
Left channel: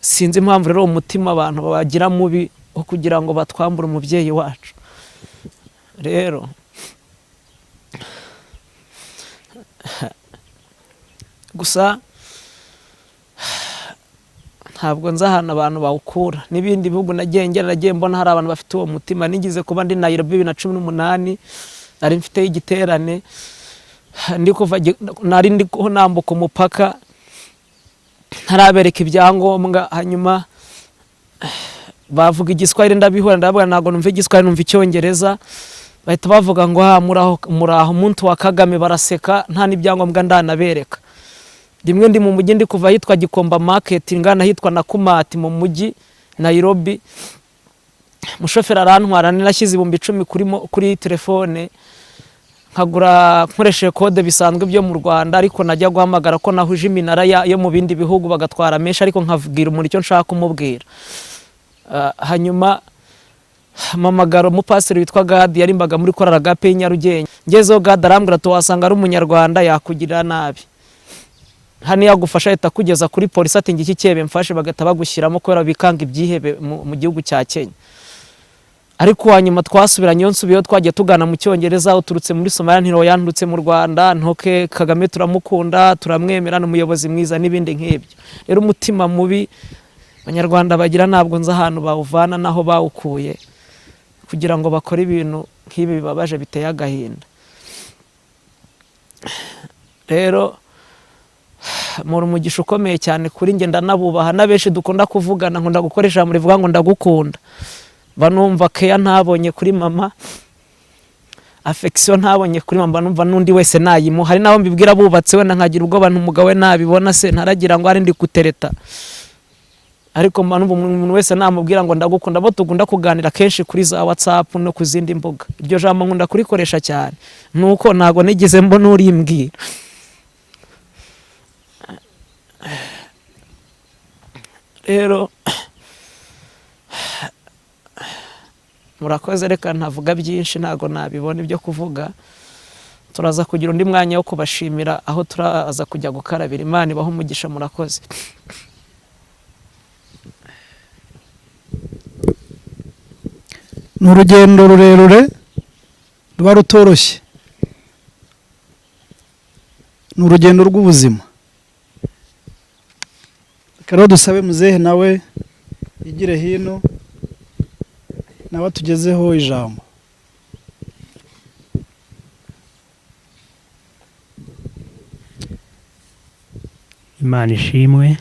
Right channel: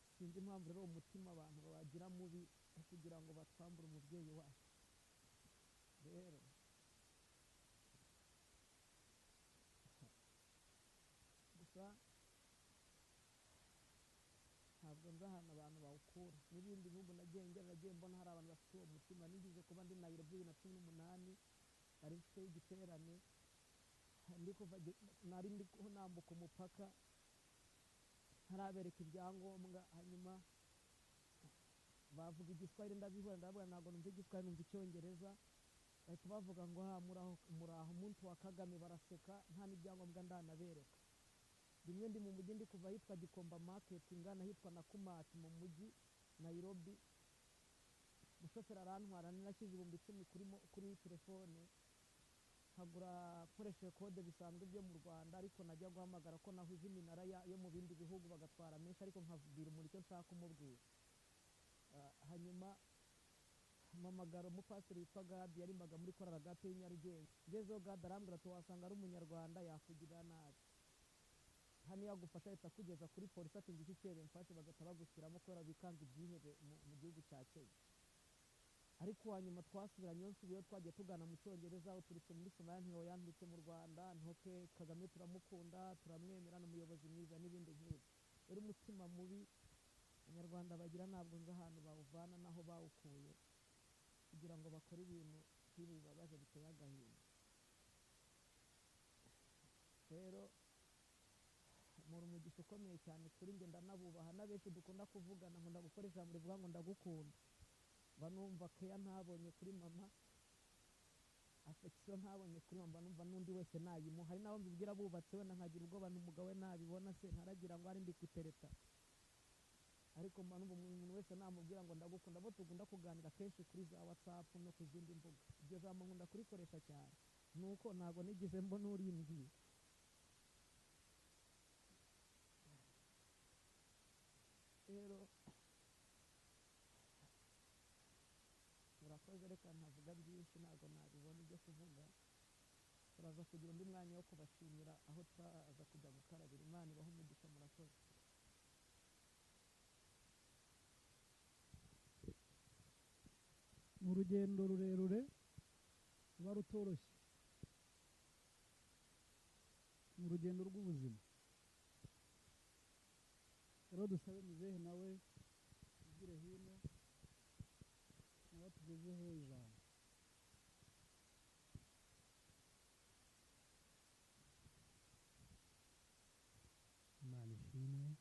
Sinzi impamvu rero umutima abantu bagira mubi wo kugira ngo batwambure umubyeyi wacu. Rero gusa ntabwo nzi ahantu abantu bawukura. N'ibindi bihugu nagiye mbona hari abantu bafite uwo mutima. Nigize kuba ndi Nairobi 2018, nari mfite igiterane, nari ndi nambuka umupaka, ntarabereka ibyangombwa, hanyuma bavuga Igiswahili ndabihura, ndavuga ntabwo numva Igiswahili, numva Icyongereza. Bahita bavuga ngo muraho muntu wa Kagame, baraseka, nta n'ibyangombwa ndanabereka. Rimwe ndi mu mujyi, ndi kuva hitwa Gikomba Market, ngana hitwa Nakumati mu mujyi Nairobi. Mushoferi arantwara, nashyize 10,000 kuri telefone, nkagura nkoresheje kode bisanzwe byo mu Rwanda, ariko najya guhamagara ko nahuje iminara yo mu bindi bihugu bagatwara menshi, ariko nkavugirira umuntu icyo nshaka kumubwira. Hanyuma mamagaro umupasiteri witwa Gadi, yarimbaga muri korali Agape Nyarugenge. Ngezeho Gadi arambwira ati wasanga ari umunyarwanda yakugirira nabi, hano yagufasha ahita kugeza kuri polisi, ati ngiki cyebe mfashe, bagata bagushyiramo kubera bikanga ibyihebe mu gihugu cya Kenya. Ariko hanyuma twasubiranye, nsubiyeho, twagiye tugana mu Cyongereza, uturutse muri Somalia ntiro yandutse mu Rwanda, ntoke Kagame turamukunda, turamwemera, n'umuyobozi mwiza n'ibindi nk'ibyo. Rero umutima mubi Abanyarwanda bagira ntabwo nzi ahantu bawuvana naho bawukuye, kugira ngo bakore ibintu nk'ibi bibabaje biteye agahinda. Rero muri umugisha ukomeye cyane kuri njye, ndanabubaha, n'abenshi dukunda kuvugana, nkunda gukoresha muri vuga ngo ndagukunda. Banumva care ntabonye kuri mama, affection ntabonye kuri mama, numva nundi wese nayimu. Hari naho mbibwira bubatse, wenda nkagira ubwo bantu umugabo we nabibona se ntaragira ngo ari ndi kutereta, ariko numva umuntu wese namubwira ngo ndagukunda. Bo tugunda kuganira kenshi kuri za WhatsApp no ku zindi mbuga, iryo jambo nkunda kurikoresha cyane, nuko ntago nigeze mbona urimbwira. Rero murakoze, reka ntavuga byinshi, ntago nabibona ibyo kuvuga. Turaza kugira undi mwanya wo kubashimira aho turaza kujya gukarabira. Imana ibaho umugisha, murakoze. Ni urugendo rurerure ruba rutoroshye, ni urugendo rw'ubuzima. Rero dusabe muzehe nawe yigire hino, nawe tugezeho ijambo. Imana ishimwe.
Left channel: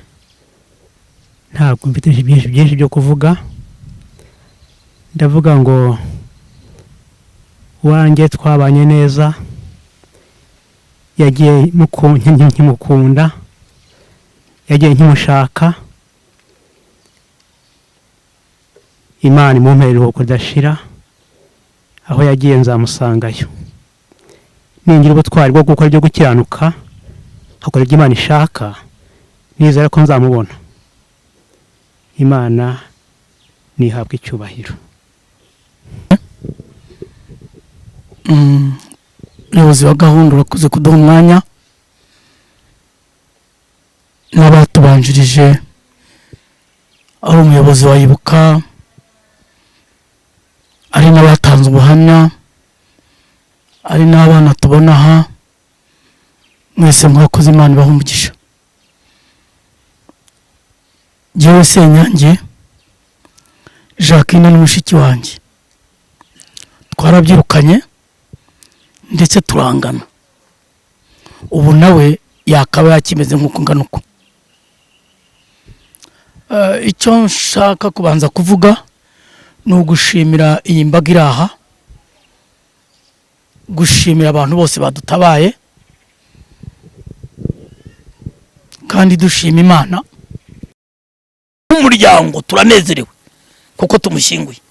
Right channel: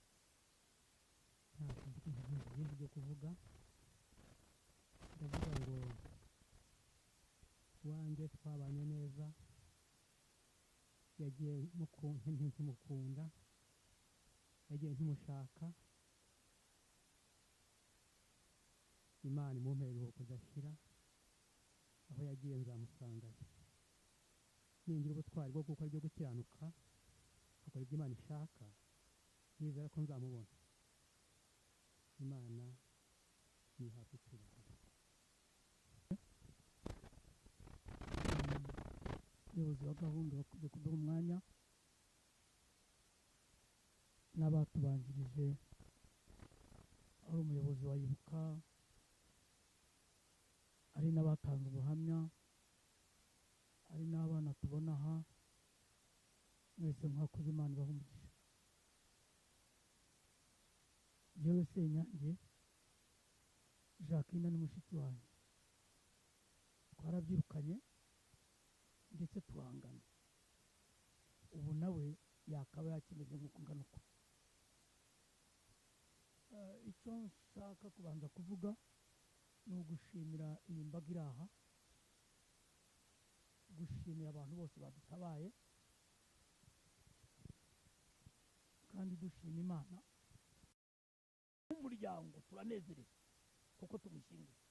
Ntabwo mfite byinshi byo kuvuga. Ndavuga ngo wanjye twabanye neza, yagiye nkimukunda, yagiye nkimushaka. Imana imumpere iruhuko ridashira, aho yagiye nzamusangayo. Ningira ubutwari bwo gukora ibyo gukiranuka, akora ibyo Imana ishaka, nizera ko nzamubona. Imana nihabwa icyubahiro. Umuyobozi wa gahunda urakoze kuduha umwanya, n'abatubanjirije, ari umuyobozi wa Ibuka, ari n'abatanze ubuhamya, ari n'abana tubona aha, mwese mwakoze. Imana ibahe umugisha. Jyewe Senyange Jacqueline n'umushiki wanjye twarabyirukanye ndetse turangana. Ubu nawe yakaba yakimeze nk'uko ngana uko. Icyo nshaka kubanza kuvuga ni ugushimira iyi mbaga iri aha, gushimira abantu bose badutabaye, kandi dushima Imana. Nk'umuryango turanezerewe kuko tumushyinguye.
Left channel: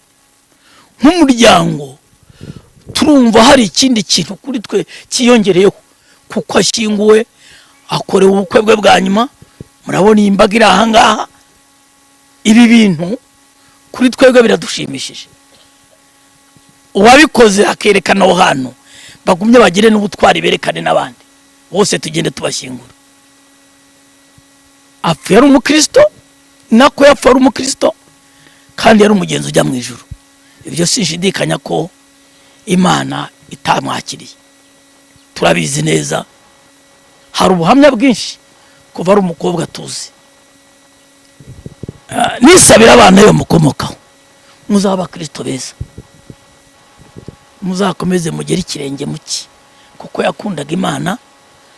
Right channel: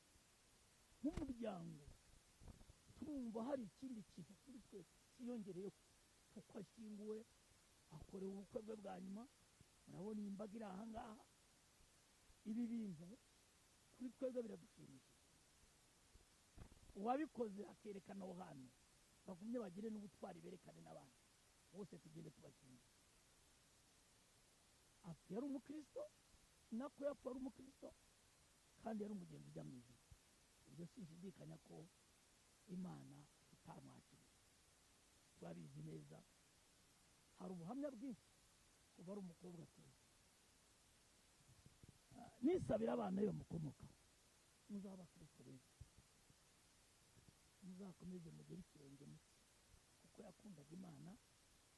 Nk'umuryango turumva hari ikindi kintu kuri twe kiyongereyeho kuko ashyinguwe, akorewe ubukwe bwe bwa nyuma. Murabona iyi mbaga iri aha ngaha, ibi bintu kuri twebwe biradushimishije. Uwabikoze akerekana aho hantu, bagumye bagire n'ubutwari berekane n'abandi bose, tugende tubashyingura. Apfa yari umukristo, nako yapfa ari umukristo, kandi yari umugenzi ujya mu ijuru. Ibyo sinshidikanya ko Imana itamwakiriye. Turabizi neza, hari ubuhamya bwinshi kuva ari umukobwa tuzi. Nisabira abana yo mukomokaho, muzaba Kristo beza, muzakomeze mugere ikirenge muki, kuko yakundaga Imana.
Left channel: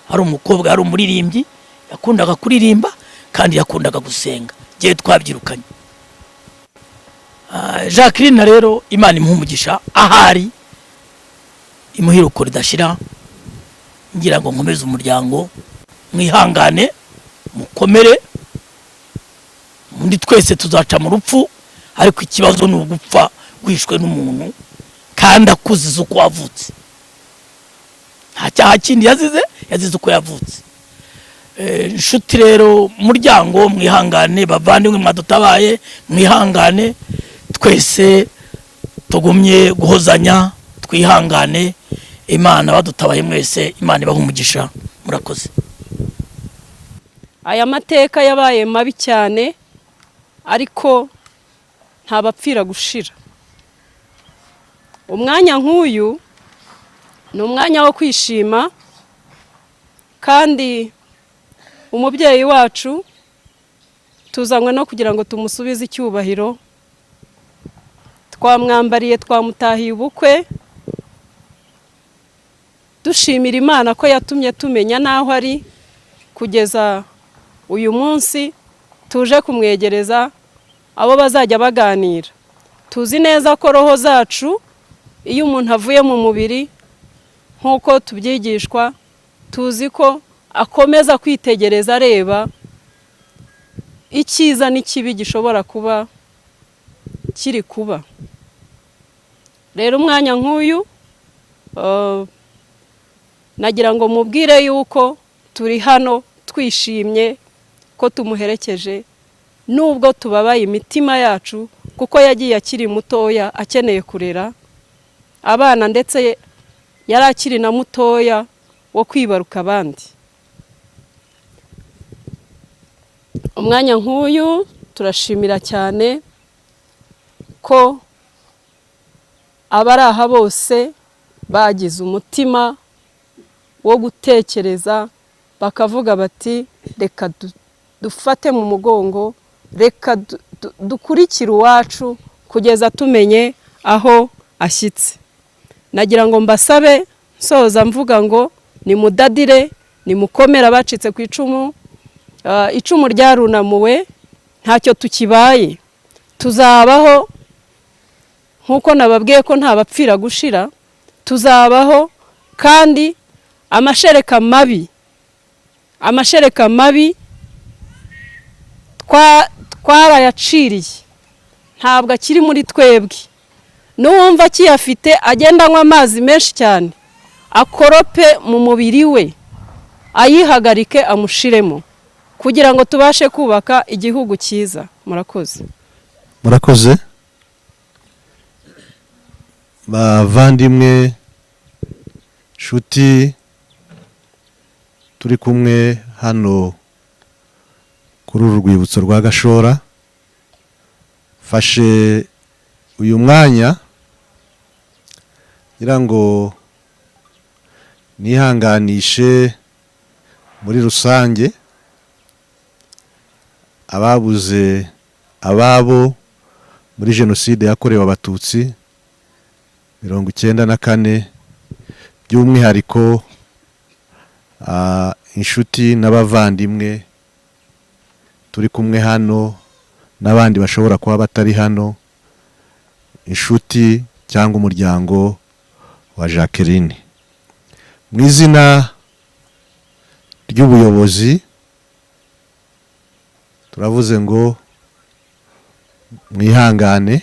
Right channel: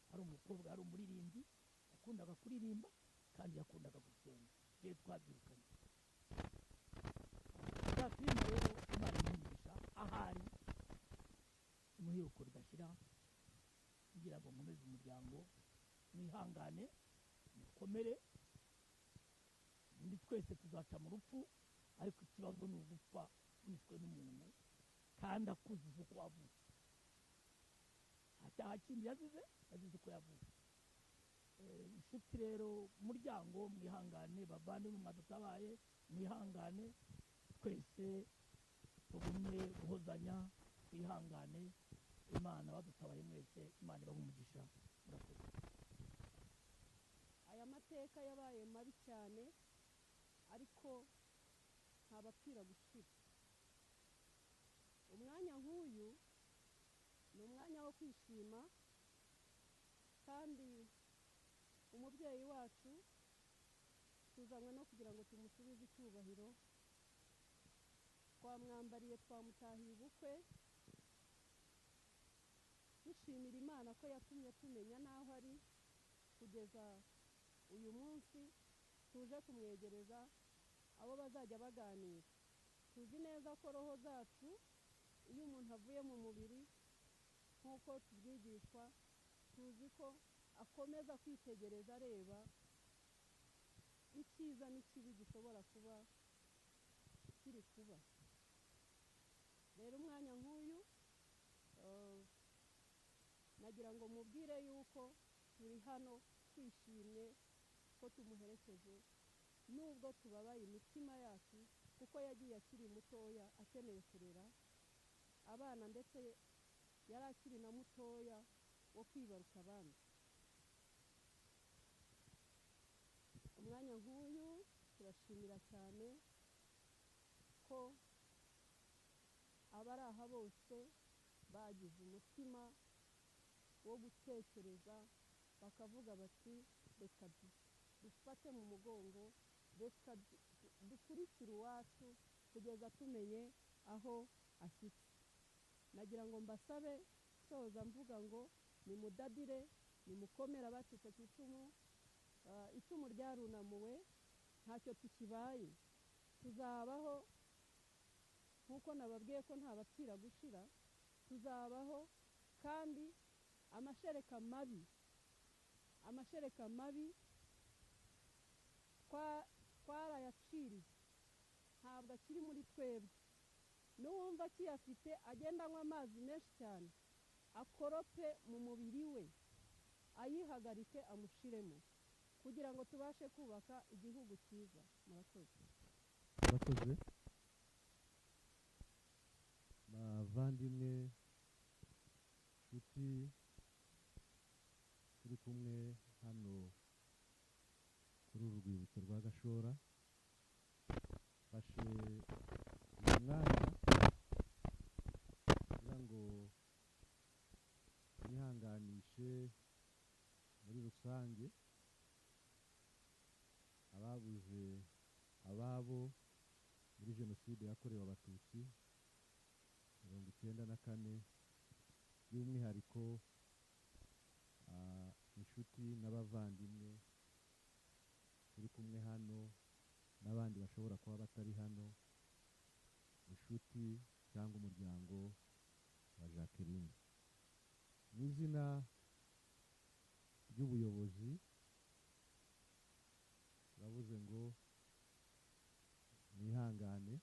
Ari umukobwa, ari umuririmbyi, yakundaga kuririmba kandi yakundaga gusenga. Giye twabyirukanye. Jacqueline rero Imana imuhumugisha, ahari imuhiruko ridashira. Ngira ngo nkomeze umuryango, mwihangane, mukomere. Mundi twese tuzaca mu rupfu, ariko ikibazo ni ugupfa wishwe n'umuntu kandi akuziza uko wavutse. Nta cyaha kindi yazize uko yavutse. Inshuti rero, muryango mwihangane, bavandimwe mwadutabaye mwihangane, twese tugumye guhozanya, twihangane. Imana badutabaye mwese, Imana ibahe umugisha. Murakoze. Aya mateka yabaye mabi cyane, ariko ntabapfira gushira. Umwanya nk'uyu ni umwanya wo kwishima, kandi umubyeyi wacu tuzanywe no kugira ngo tumusubize icyubahiro. Twamwambariye, twamutahiye ubukwe, dushimira Imana ko yatumye tumenya naho ari kugeza uyu munsi. Tuje kumwegereza abo bazajya baganira. Tuzi neza ko roho zacu, iyo umuntu avuye mu mubiri nk'uko tubyigishwa, tuzi ko akomeza kwitegereza, areba icyiza n'ikibi gishobora kuba kiri kuba. Rero umwanya nk'uyu nagira ngo mubwire yuko turi hano twishimye ko tumuherekeje, nubwo tubabaye imitima yacu, kuko yagiye akiri mutoya akeneye kurera abana, ndetse yari akiri na mutoya wo kwibaruka abandi. Umwanya nk'uyu turashimira cyane ko abari aha bose bagize umutima wo gutekereza, bakavuga bati reka dufate mu mugongo, reka dukurikire uwacu kugeza tumenye aho ashyitse. Nagira ngo mbasabe soza mvuga ngo nimudadire, nimukomere abacitse ku icumu. Icumu ryarunamuwe, ntacyo tukibaye. Tuzabaho nk'uko nababwiye ko nta bapfira gushira, tuzabaho kandi amashereka mabi twarayaciriye, ntabwo akiri muri twebwe. N'uwumva akiyafite agenda anywa amazi menshi cyane, akorope mu mubiri we, ayihagarike amushiremo, kugira ngo tubashe kubaka igihugu cyiza. Murakoze. Murakoze bavandimwe, nshuti turi kumwe hano kuri uru rwibutso rwa Gashora. Fashe uyu mwanya ngira ngo nihanganishe muri rusange ababuze ababo muri jenoside yakorewe abatutsi 1994, by'umwihariko inshuti n'abavandimwe turi kumwe hano n'abandi bashobora kuba batari hano, inshuti cyangwa umuryango wa Jacqueline. Mu izina ry'ubuyobozi turavuze ngo mwihangane,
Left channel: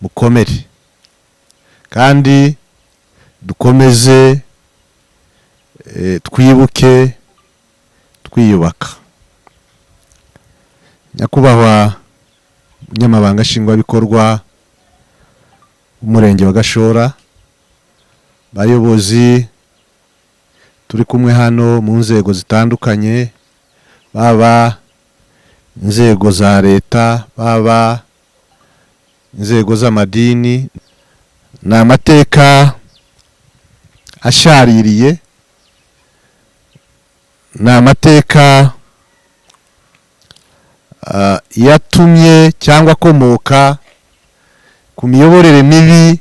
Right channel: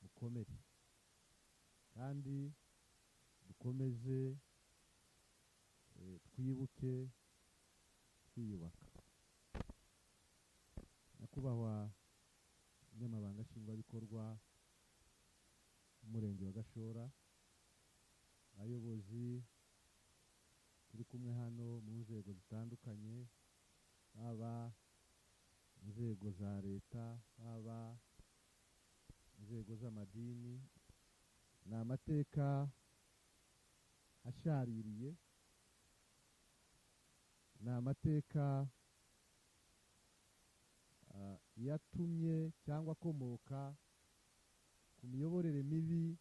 mukomere kandi dukomeze twibuke twiyubaka. Nyakubahwa Umunyamabanga Nshingwabikorwa w'Umurenge wa Gashora, bayobozi turi kumwe hano mu nzego zitandukanye, baba inzego za leta, baba inzego z'amadini, ni amateka ashaririye, ni amateka yatumye cyangwa akomoka ku miyoborere mibi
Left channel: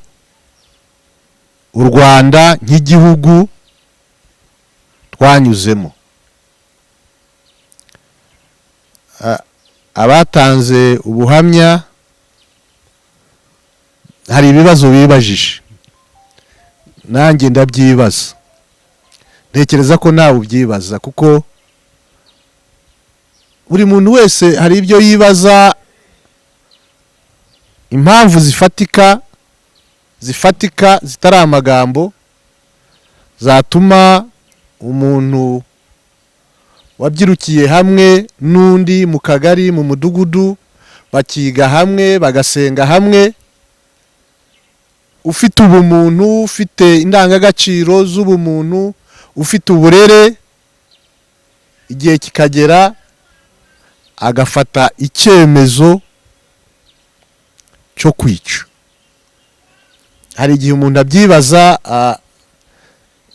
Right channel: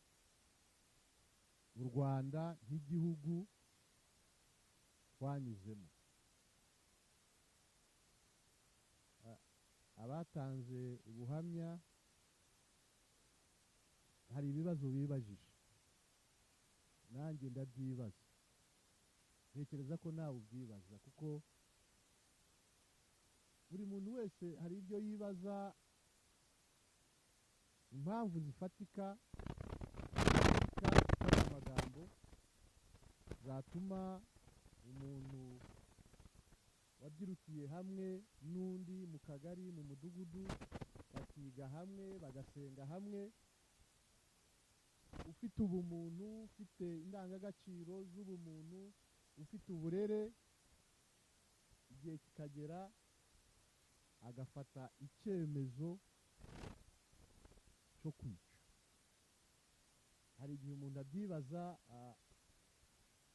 u Rwanda nk'igihugu twanyuzemo. Abatanze ubuhamya hari ibibazo bibajije, nanjye ndabyibaza, ntekereza ko nawe ubyibaza, kuko buri muntu wese hari ibyo yibaza, impamvu zifatika zitari amagambo zatuma umuntu wabyirukiye hamwe n'undi mu kagari, mu mudugudu, bakiga hamwe, bagasenga hamwe, ufite ubumuntu, ufite indangagaciro z'ubumuntu, ufite uburere, igihe kikagera agafata icyemezo cyo kwica. Hari igihe umuntu abyibaza,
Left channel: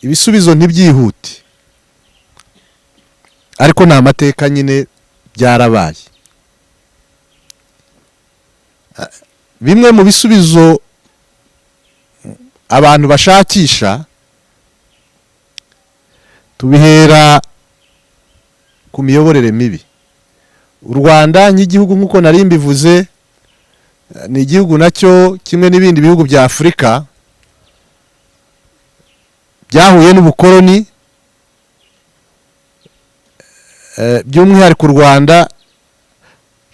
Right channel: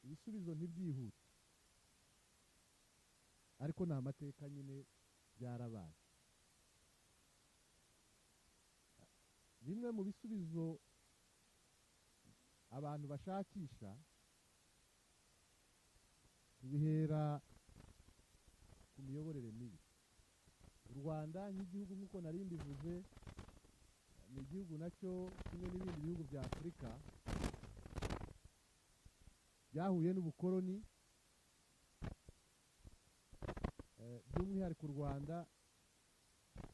ibisubizo ntibyihute, ariko ni amateka nyine, byarabaye. Bimwe mu bisubizo abantu bashakisha tubihera ku miyoborere mibi. U Rwanda nk'igihugu nk'uko nari mbivuze, ni igihugu nacyo kimwe n'ibindi bihugu bya Afurika byahuye n'ubukoloni, by'umwihariko u Rwanda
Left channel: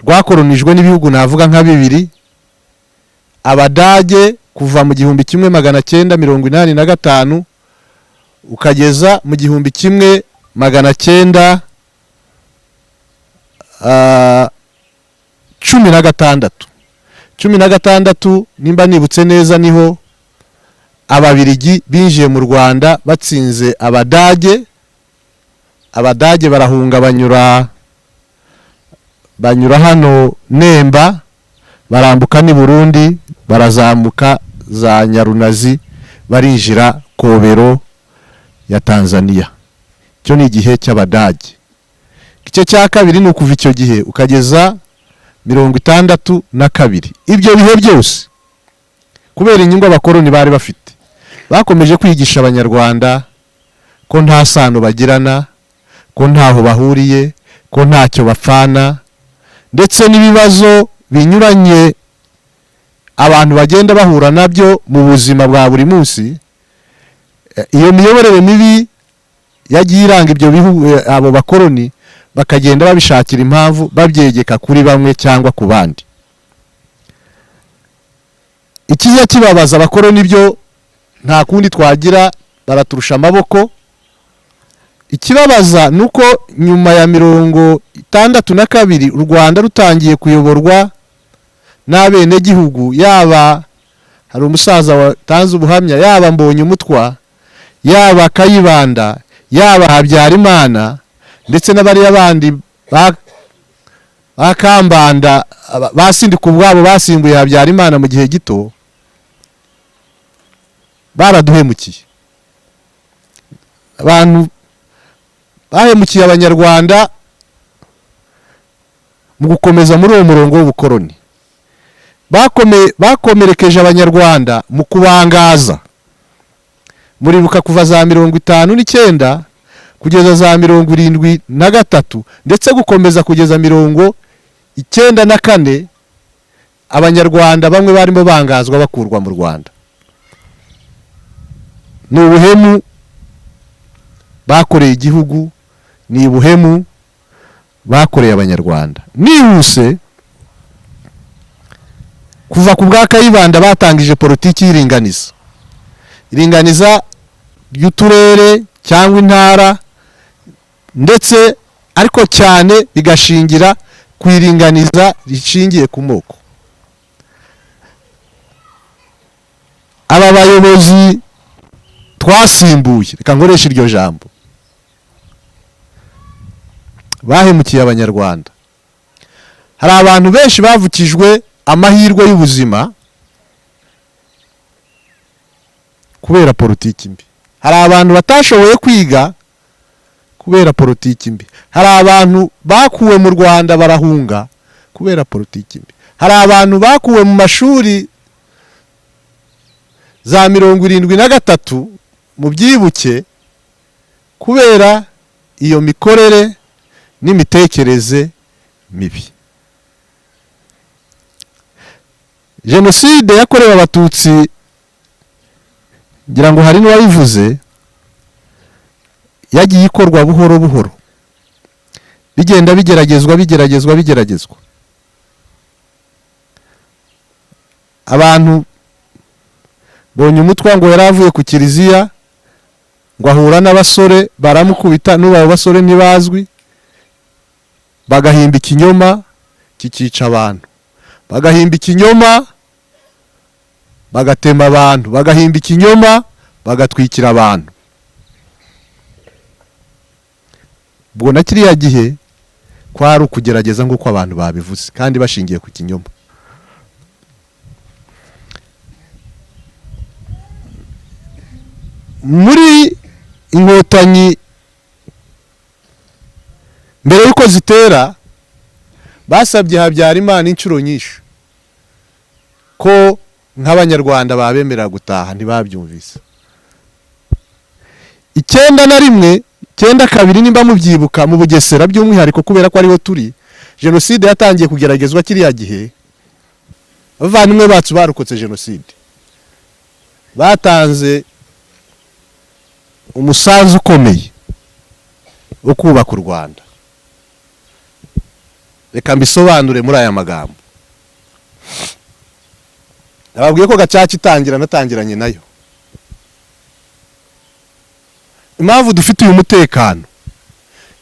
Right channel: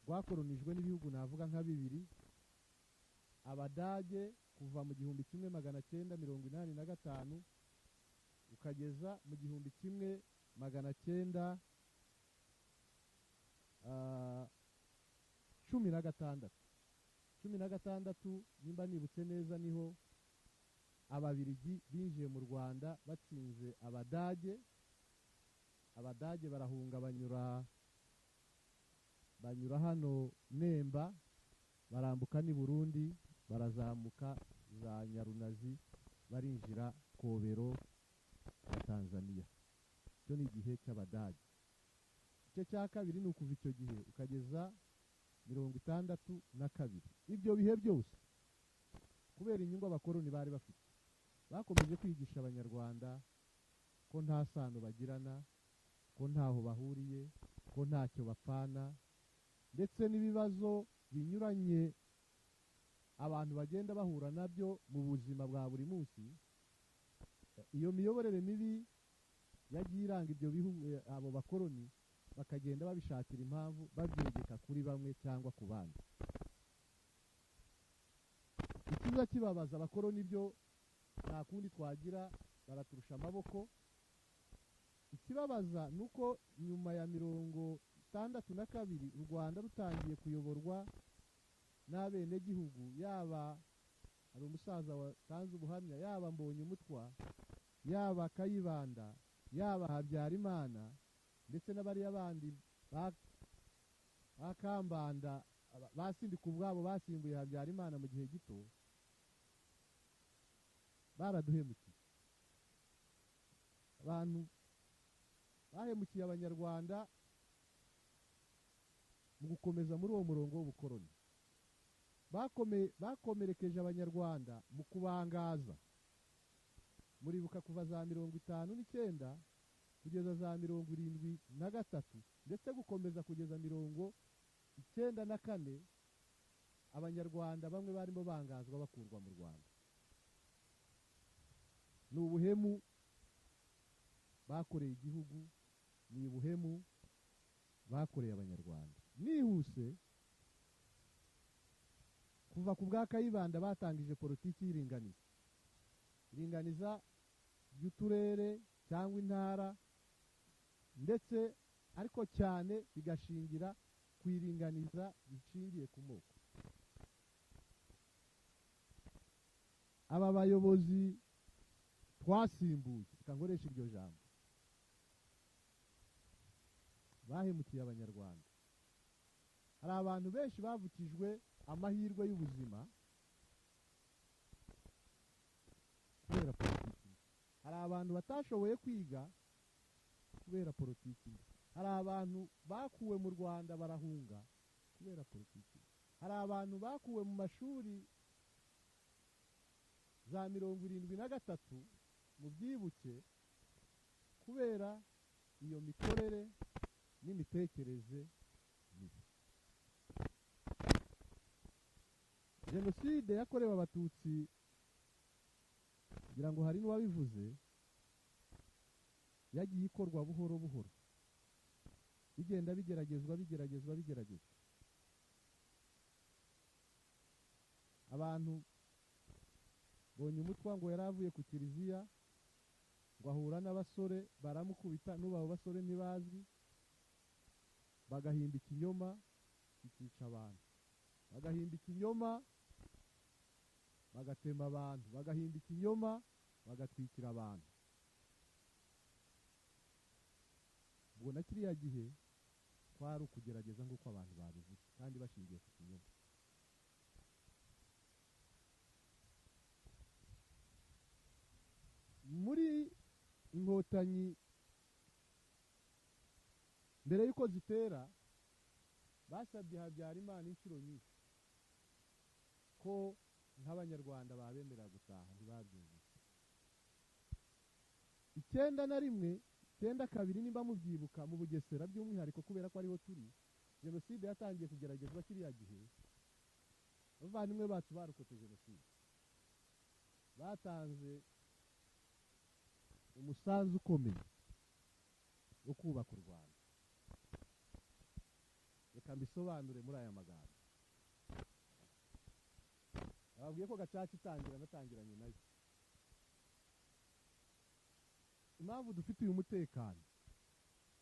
rwakolonijwe n'ibihugu navuga nka bibiri. Abadage kuva mu 1985 ukageza mu 1916 nimba nibutse neza, niho Ababiligi binjiye mu Rwanda batsinze Abadage. Abadage barahunga banyura hano Nemba, barambuka ni Burundi, barazamuka za Nyarunazi, barinjira Kobero ya Tanzania. Cyo ni igihe cy'Abadage. Igice cya kabiri ni ukuva icyo gihe ukageza 1962. Ibyo bihe byose kubera inyungu abakoloni bari bafite. Bakomeje kwigisha abanyarwanda ko nta sano bagirana, ko ntaho bahuriye, ko ntacyo bapfana, ndetse n'ibibazo binyuranye abantu bagenda bahura nabyo mu buzima bwa buri munsi. Iyo miyoborere mibi yagiye iranga ibyo bihugu, abo bakoloni bakagenda babishakira impamvu babyegeka kuri bamwe cyangwa ku bandi. Ikiza kibabaza abakoloni byo nta kundi twagira, baraturusha amaboko. Ikibabaza nuko nyuma ya 62 u Rwanda rutangiye kuyoborwa n'abene gihugu, yaba hari umusaza watanze ubuhamya, yaba Mbonyumutwa, yaba Kayibanda, yaba Habyarimana, ndetse n'abari abandi bakambanda basindika ubwabo basimbuye Habyarimana mu gihe gito, baraduhemukiye. Abantu bahemukiye abanyarwanda mu gukomeza muri uwo murongo w'ubukoloni. Bakomerekeje abanyarwanda mu kubangaza. Muribuka kuva za 59 kugeza za 73 ndetse gukomeza kugeza 94, abanyarwanda bamwe barimo bangazwa bakurwa mu Rwanda. Ni ubuhemu bakoreye igihugu, ni ubuhemu bakoreye abanyarwanda. Nihuse kuva ku bwa Kayibanda batangije politiki y'iringaniza. Iringaniza ry'uturere cyangwa intara, ndetse ariko cyane bigashingira ku iringaniza rishingiye ku moko. Aba bayobozi twasimbuye, reka nkoresha iryo jambo, bahemukiye abanyarwanda. Hari abantu benshi bavukijwe amahirwe y'ubuzima kubera politiki mbi. Hari abantu batashoboye kwiga kubera politiki mbi. Hari abantu bakuwe mu Rwanda barahunga kubera politiki mbi. Hari abantu bakuwe mu mashuri za 73 mu byibuke kubera iyo mikorere n'imitekerereze mibi. Jenoside yakorewe abatutsi, ngira ngo hari n'uwayivuze, yagiye ikorwa buhoro buhoro, bigenda bigeragezwa. Abantu Mbonyumutwa ngo yaravuye ku kiliziya ngo ahura n'abasore baramukubita, n'ubu basore ntibazwi, bagahimba ikinyoma kikica abantu, bagahimba ikinyoma bagatema abantu, bagahimba ikinyoma bagatwikira abantu. Ubwo na kiriya gihe kwari ukugerageza nk'uko abantu babivuze, kandi bashingiye ku kinyoma. Muri Inkotanyi mbere yuko zitera, basabye Habyarimana inshuro nyinshi ko nk'abanyarwanda babemerera gutaha, ntibabyumvise. 91, 92 nimba mubyibuka, mu Bugesera by'umwihariko kubera ko ariho turi, jenoside yatangiye kugeragezwa kiriya gihe. Abavandimwe bacu barokotse jenoside batanze umusanzu ukomeye wo kubaka u Rwanda. Reka mbisobanure muri aya magambo. Nababwiye ko Gacaca itangira natangiranye nayo. Impamvu dufite uyu mutekano,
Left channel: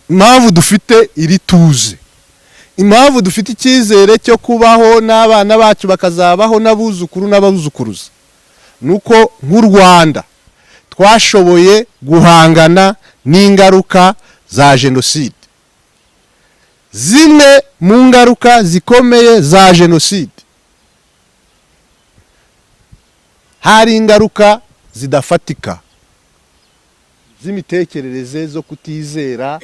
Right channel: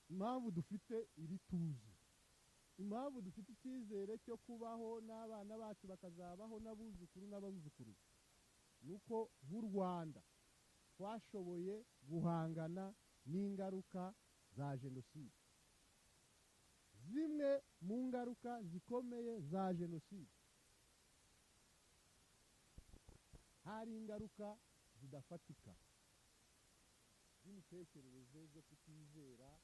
impamvu dufite iri tuze, impamvu dufite icyizere cyo kubaho n'abana bacu bakazabaho n'abuzukuru n'ababuzukuruza, nuko nk'u Rwanda twashoboye guhangana n'ingaruka za jenoside. Zimwe mu ngaruka zikomeye za jenoside hari ingaruka zidafatika z'imitekerereze, zo kutizera,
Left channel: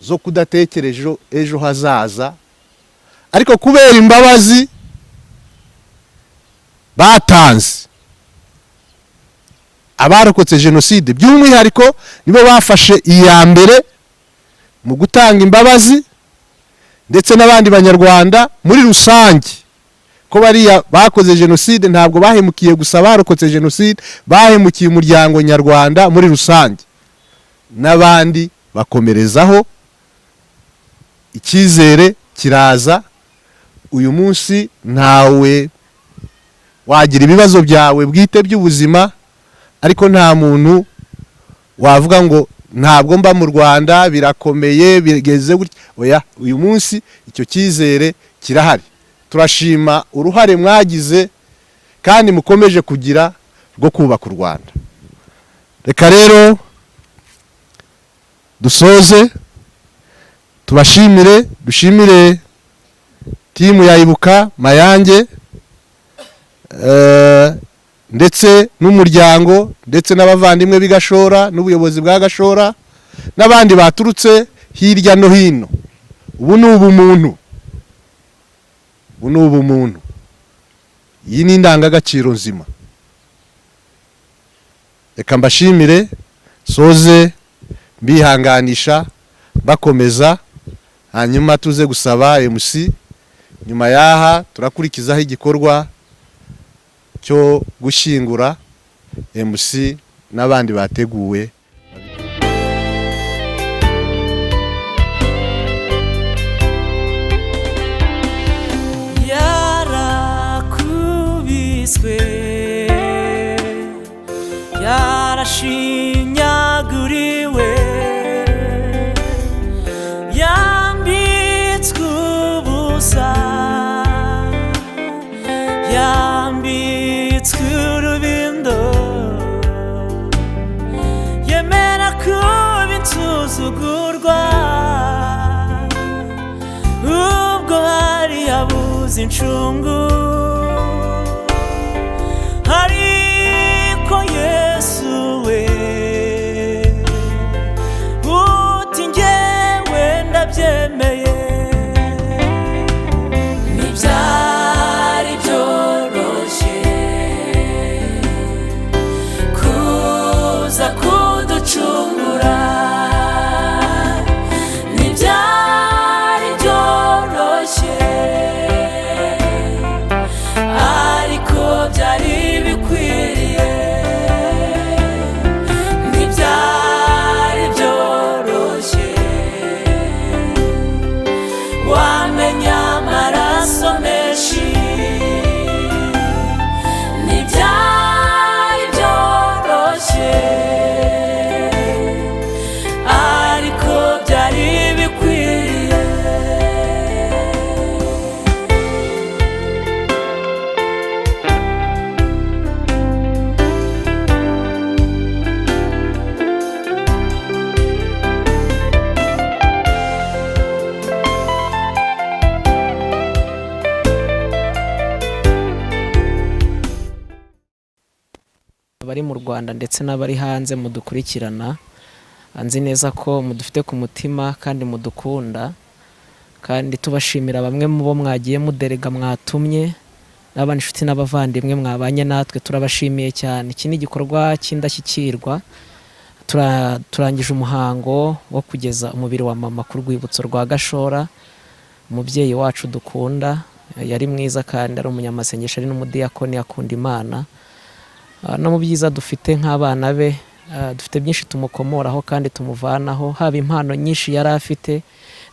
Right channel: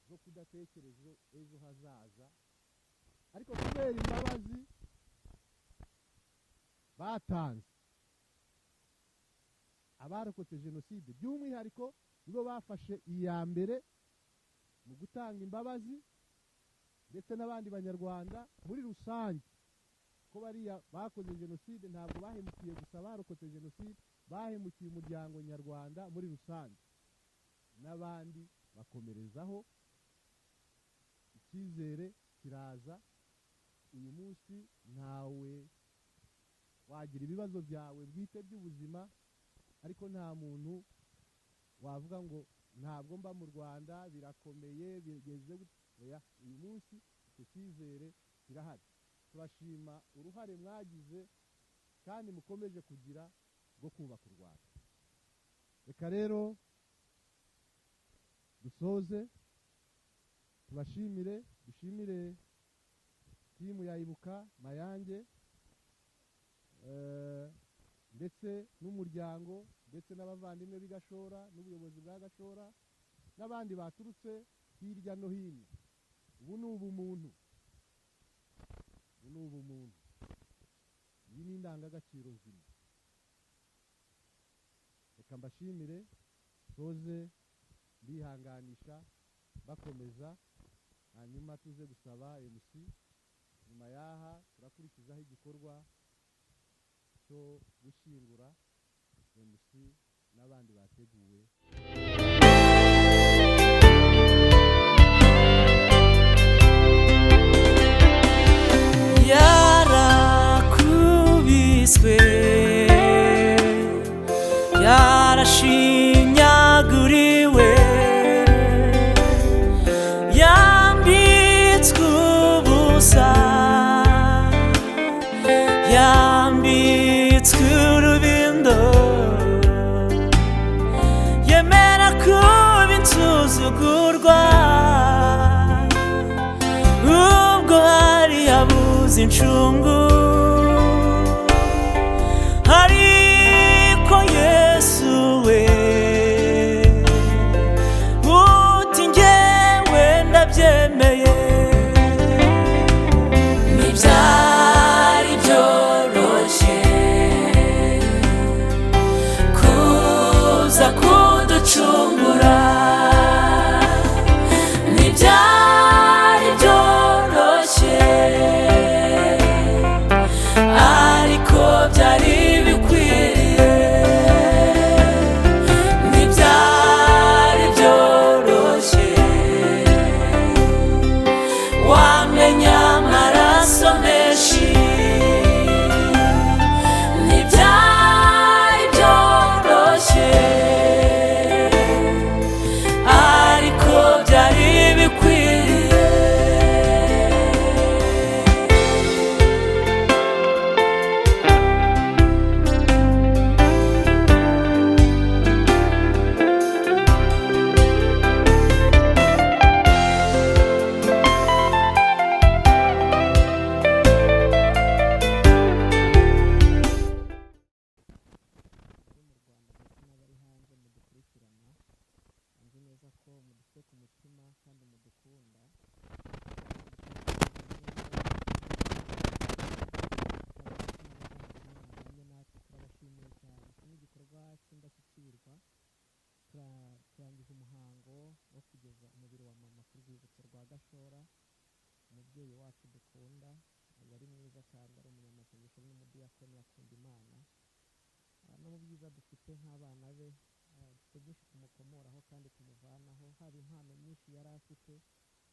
zo kudatekereje ejo hazaza, ariko kubera imbabazi batanze, abarokotse jenoside by'umwihariko nibo bafashe iya mbere mu gutanga imbabazi, ndetse n'abandi banyarwanda muri rusange, ko bariya bakoze jenoside ntabwo bahemukiye gusa barokotse jenoside, bahemukiye umuryango nyarwanda muri rusange, n'abandi bakomerezaho. Icyizere kiraza. Uyu munsi ntawe wagira ibibazo byawe bwite by'ubuzima, ariko nta muntu wavuga ngo ntabwo mba mu Rwanda birakomeye bigeze gutya. Oya, uyu munsi icyo cyizere kirahari. Turashima uruhare mwagize kandi mukomeje kugira rwo kubaka u Rwanda. Reka rero dusoze, tubashimire, dushimire timu ya Ibuka Mayange, ndetse n'umuryango, ndetse n'abavandimwe b'Igashora n'ubuyobozi bwa Gashora n'abandi baturutse hirya no hino. Ubu ni ubumuntu, ubu ni ubumuntu. Iyi ni indangagaciro nzima. Reka mbashimire, soze mbihanganisha, bakomeza, hanyuma tuze gusaba MC. Nyuma yaha turakurikizaho igikorwa cyo gushyingura MC n'abandi bateguwe. Yarakubiswe, yarashinyaguriwe, yambitswe ubusa, yambitswe urubindo, yemera kuba insuzugurwa, ubwo hari yabuze incungu, ariko Yesu we uti njyewe ndabyemeye. Ntibyari byoroshye kuza kuducungura, ntibyari byoroshye ariko byari bikwiriye. Ntibyari byoroshye wamenya amaraso menshi, ntibyari byoroshye ariko byari bikwiriye. abari mu Rwanda ndetse n'abari hanze mudukurikirana, nzi neza ko mudufite ku mutima kandi mudukunda, kandi tubashimira bamwe mu bo mwagiye muderega mwatumye, n'abandi inshuti n'abavandimwe mwabanye natwe, turabashimiye cyane. Iki ni igikorwa cy'indashyikirwa. Turangije umuhango wo kugeza umubiri wa mama ku rwibutso rwa Gashora. Umubyeyi wacu dukunda, yari mwiza kandi ari umunyamasengesho, ari n'umudiyakoni, akunda Imana. No mu byiza dufite nk'abana be, dufite byinshi tumukomoraho kandi tumuvanaho, haba impano nyinshi yari afite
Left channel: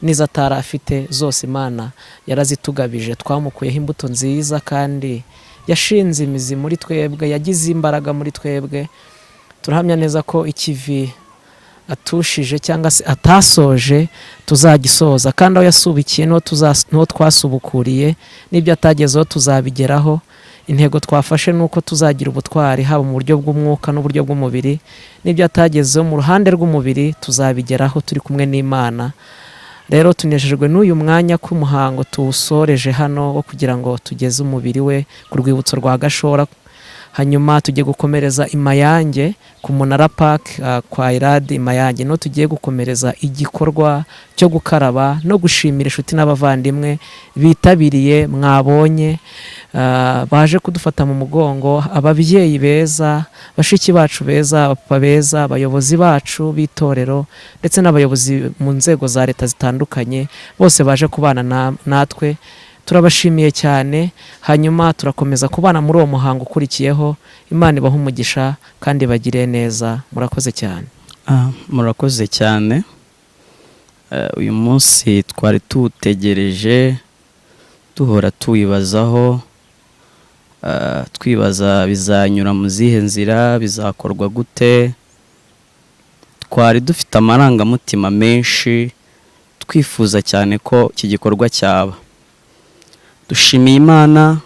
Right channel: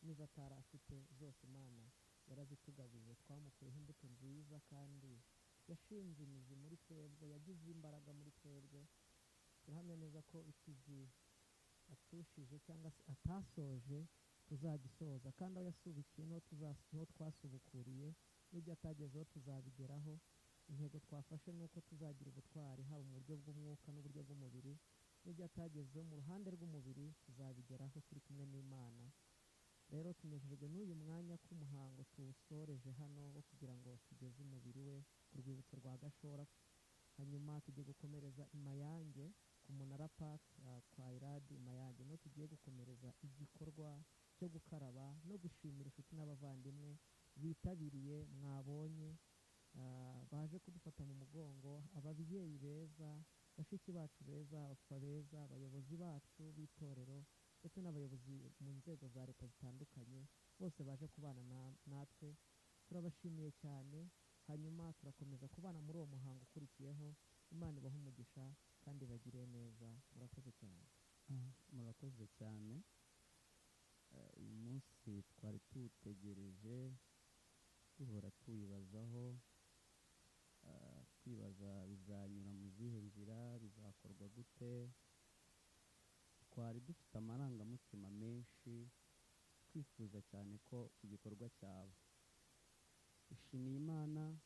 n'izo atari afite, zose Imana yarazitugabije. Twamukuyeho imbuto nziza kandi yashinze imizi muri twebwe, yagize imbaraga muri twebwe. Turahamya neza ko ikivi atushije cyangwa se atasoje tuzagisoza, kandi aho yasubikiye niho twasubukuriye, n'ibyo atagezeho tuzabigeraho. Intego twafashe nuko tuzagira ubutwari, haba mu buryo bw'umwuka n'uburyo bw'umubiri, n'ibyo atagezeho mu ruhande rw'umubiri tuzabigeraho turi kumwe n'Imana. Rero tunejejwe n'uyu mwanya k'umuhango tuwusoreje hano wo kugira ngo tugeze umubiri we ku rwibutso rwa Gashora, hanyuma tugiye gukomereza i Mayange ku Munara Park kwa Iradi Mayange, no tugiye gukomereza igikorwa cyo gukaraba no gushimira inshuti n'abavandimwe bitabiriye mwabonye. baje kudufata mu mugongo, ababyeyi beza, bashiki bacu beza, abapapa beza, abayobozi bacu b'itorero ndetse n'abayobozi mu nzego za leta zitandukanye, bose baje kubana natwe. Turabashimiye cyane, hanyuma turakomeza kubana muri uwo muhango ukurikiyeho. Imana ibahe umugisha kandi bagire neza. Murakoze cyane. Murakoze cyane. Uyu munsi twari tutegereje, duhora tuwibazaho, twibaza bizanyura mu zihe nzira, bizakorwa gute. Twari dufite amarangamutima menshi, twifuza cyane ko iki gikorwa cyaba. Dushimiye Imana,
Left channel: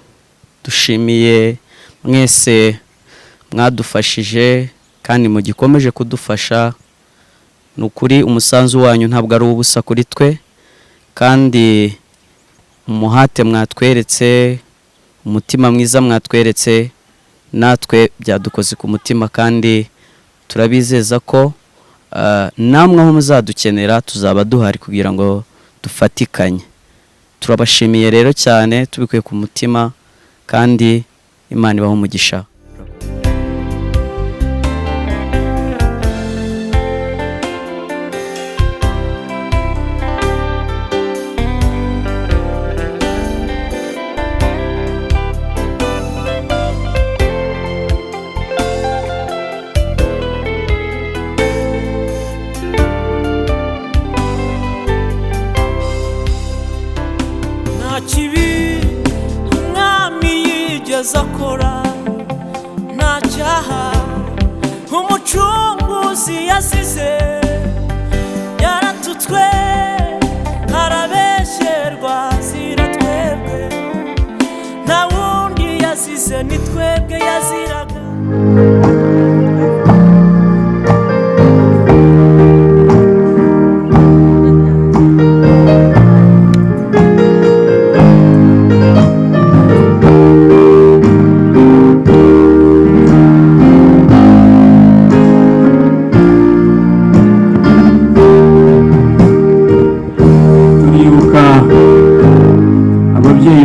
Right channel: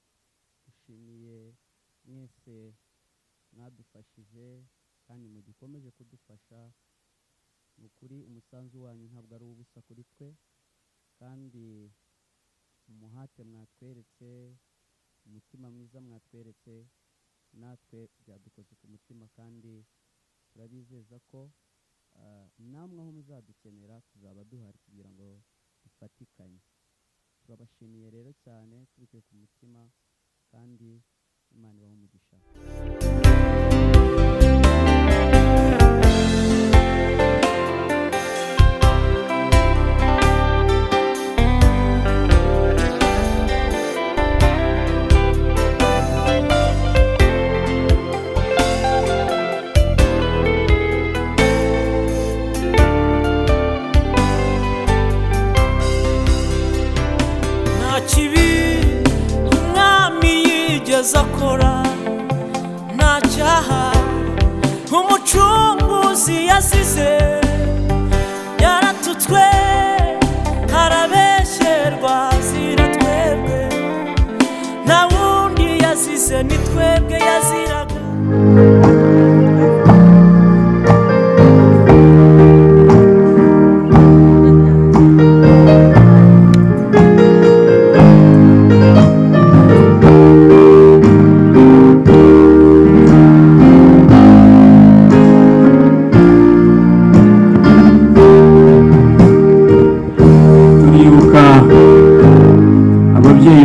dushimiye mwese mwadufashije kandi mugikomeje kudufasha. Nukuri umusanzu wanyu ntabwo ari ubusa kuri twe, kandi umuhate mwatweretse, umutima mwiza mwatweretse, natwe byadukoze ku mutima, kandi turabizeza ko namwe aho muzadukenera tuzaba duhari kugira ngo dufatikanye. Turabashimiye rero cyane tubikuye ku mutima, kandi Imana ibahe umugisha. Akora nta cyaha umucunguzi yasize, yaratutswe arabesherwa zira twebwe, nta wundi yasize ni twebwe yaziraga.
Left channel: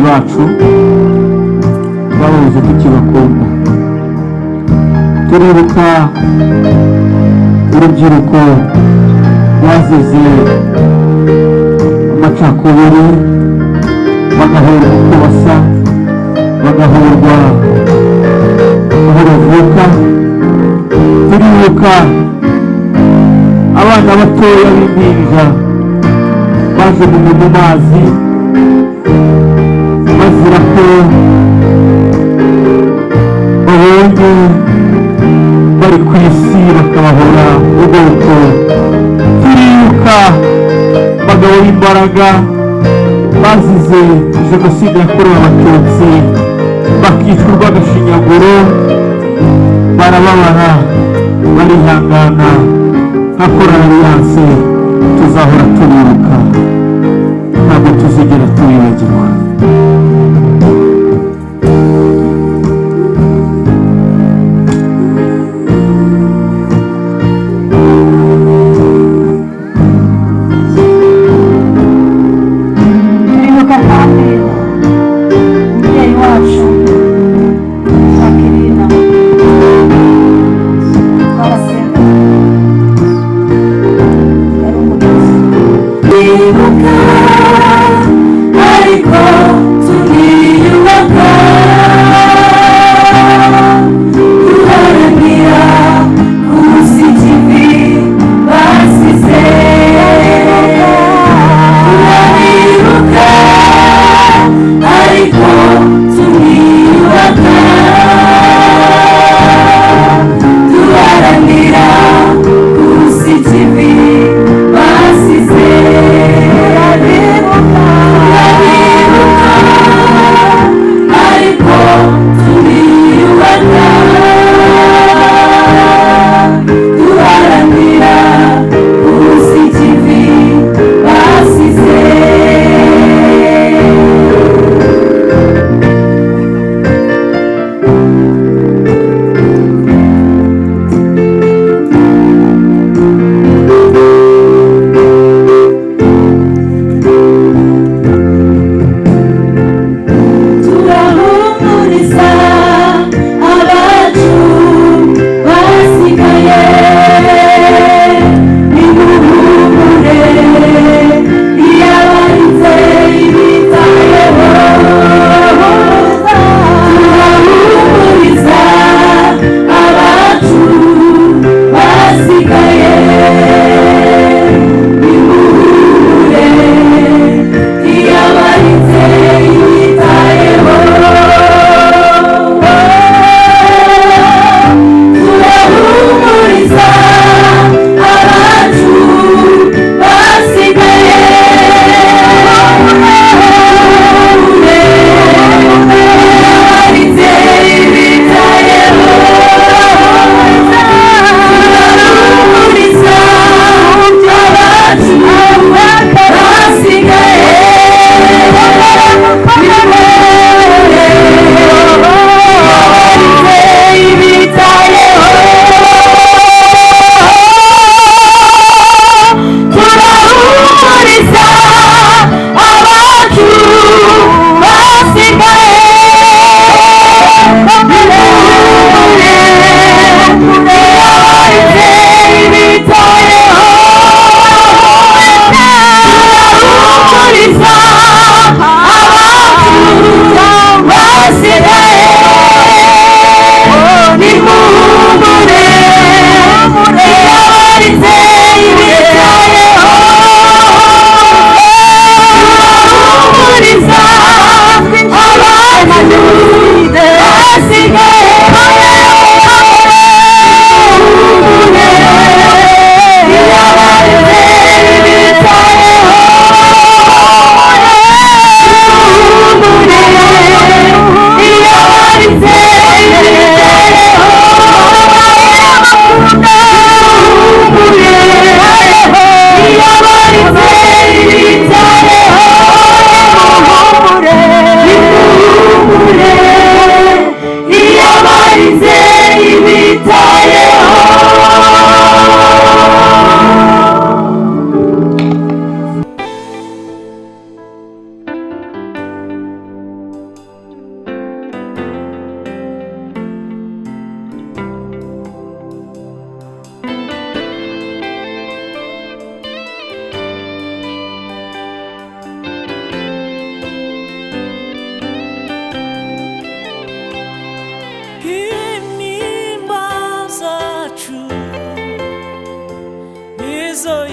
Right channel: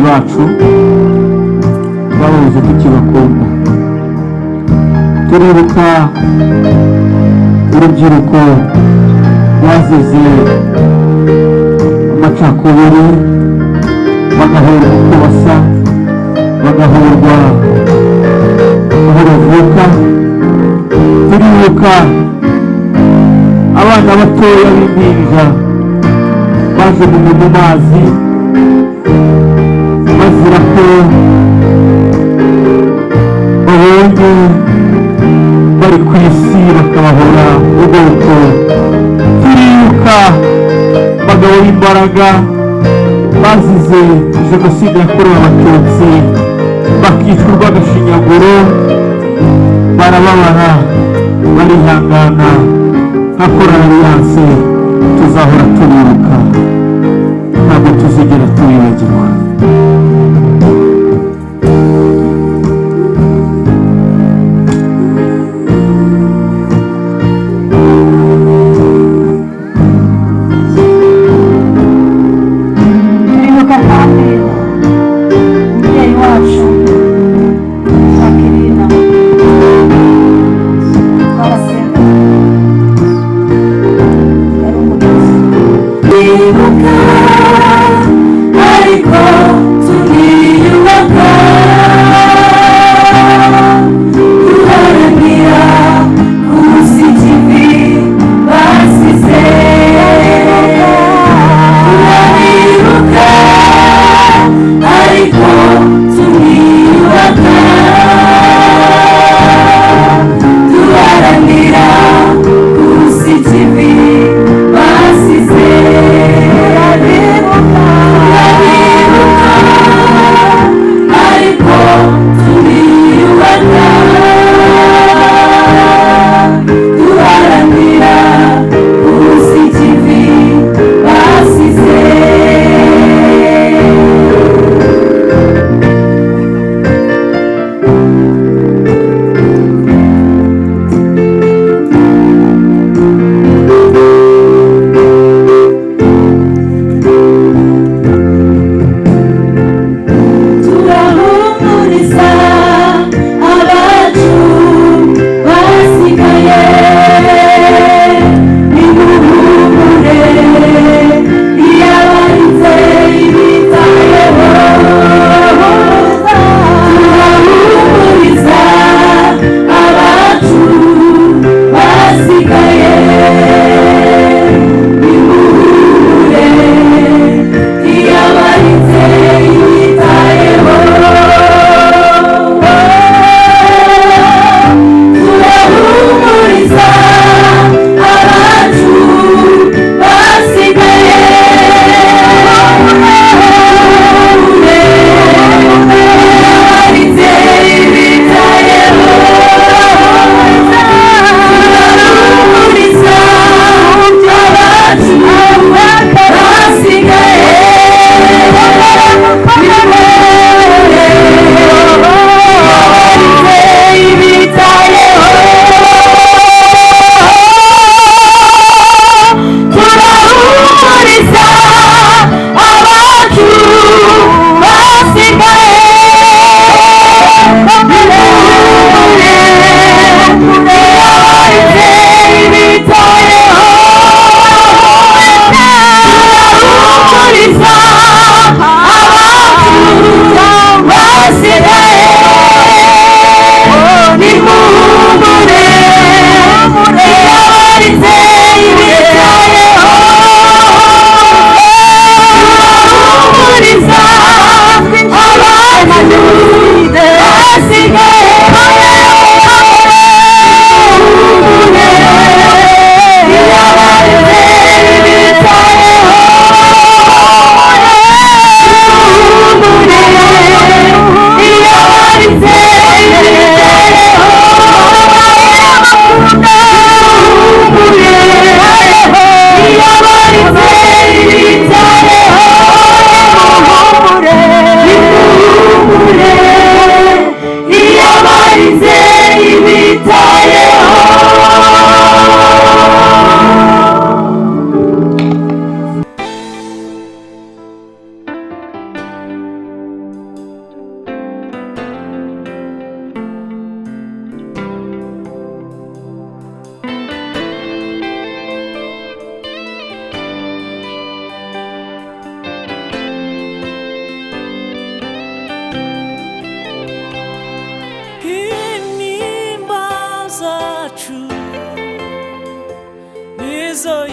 bacu babuze tukibakunda. Turibuka urubyiruko bazize amacakubiri, bagahorwa uko basa, bagahorwa aho bavuka. Turibuka abana batoya b'impinja bajugunywe mu mazi bazira ko babonye bari ku isi bakabahora ubwoko. Turibuka abagabo b'imbaraga bazize jenoside yakorewe abatutsi bakicwa urw'agashinyaguro, barababara barihangana. nka korali Alliance tuzahora turibuka, ntabwo tuzigera tubibagirwa. turibuka kandi umubyeyi wacu Jacqueline twarasenga, yari umuyobozi. Turibuka ariko turiyubaka, duharanira kubuza ikivi basize. Turibuka ariko turiyubaka, duharanira kubuza ikivi basize. Turibuka ariko turiyubaka, duharanira kubuza ikivi basize. izo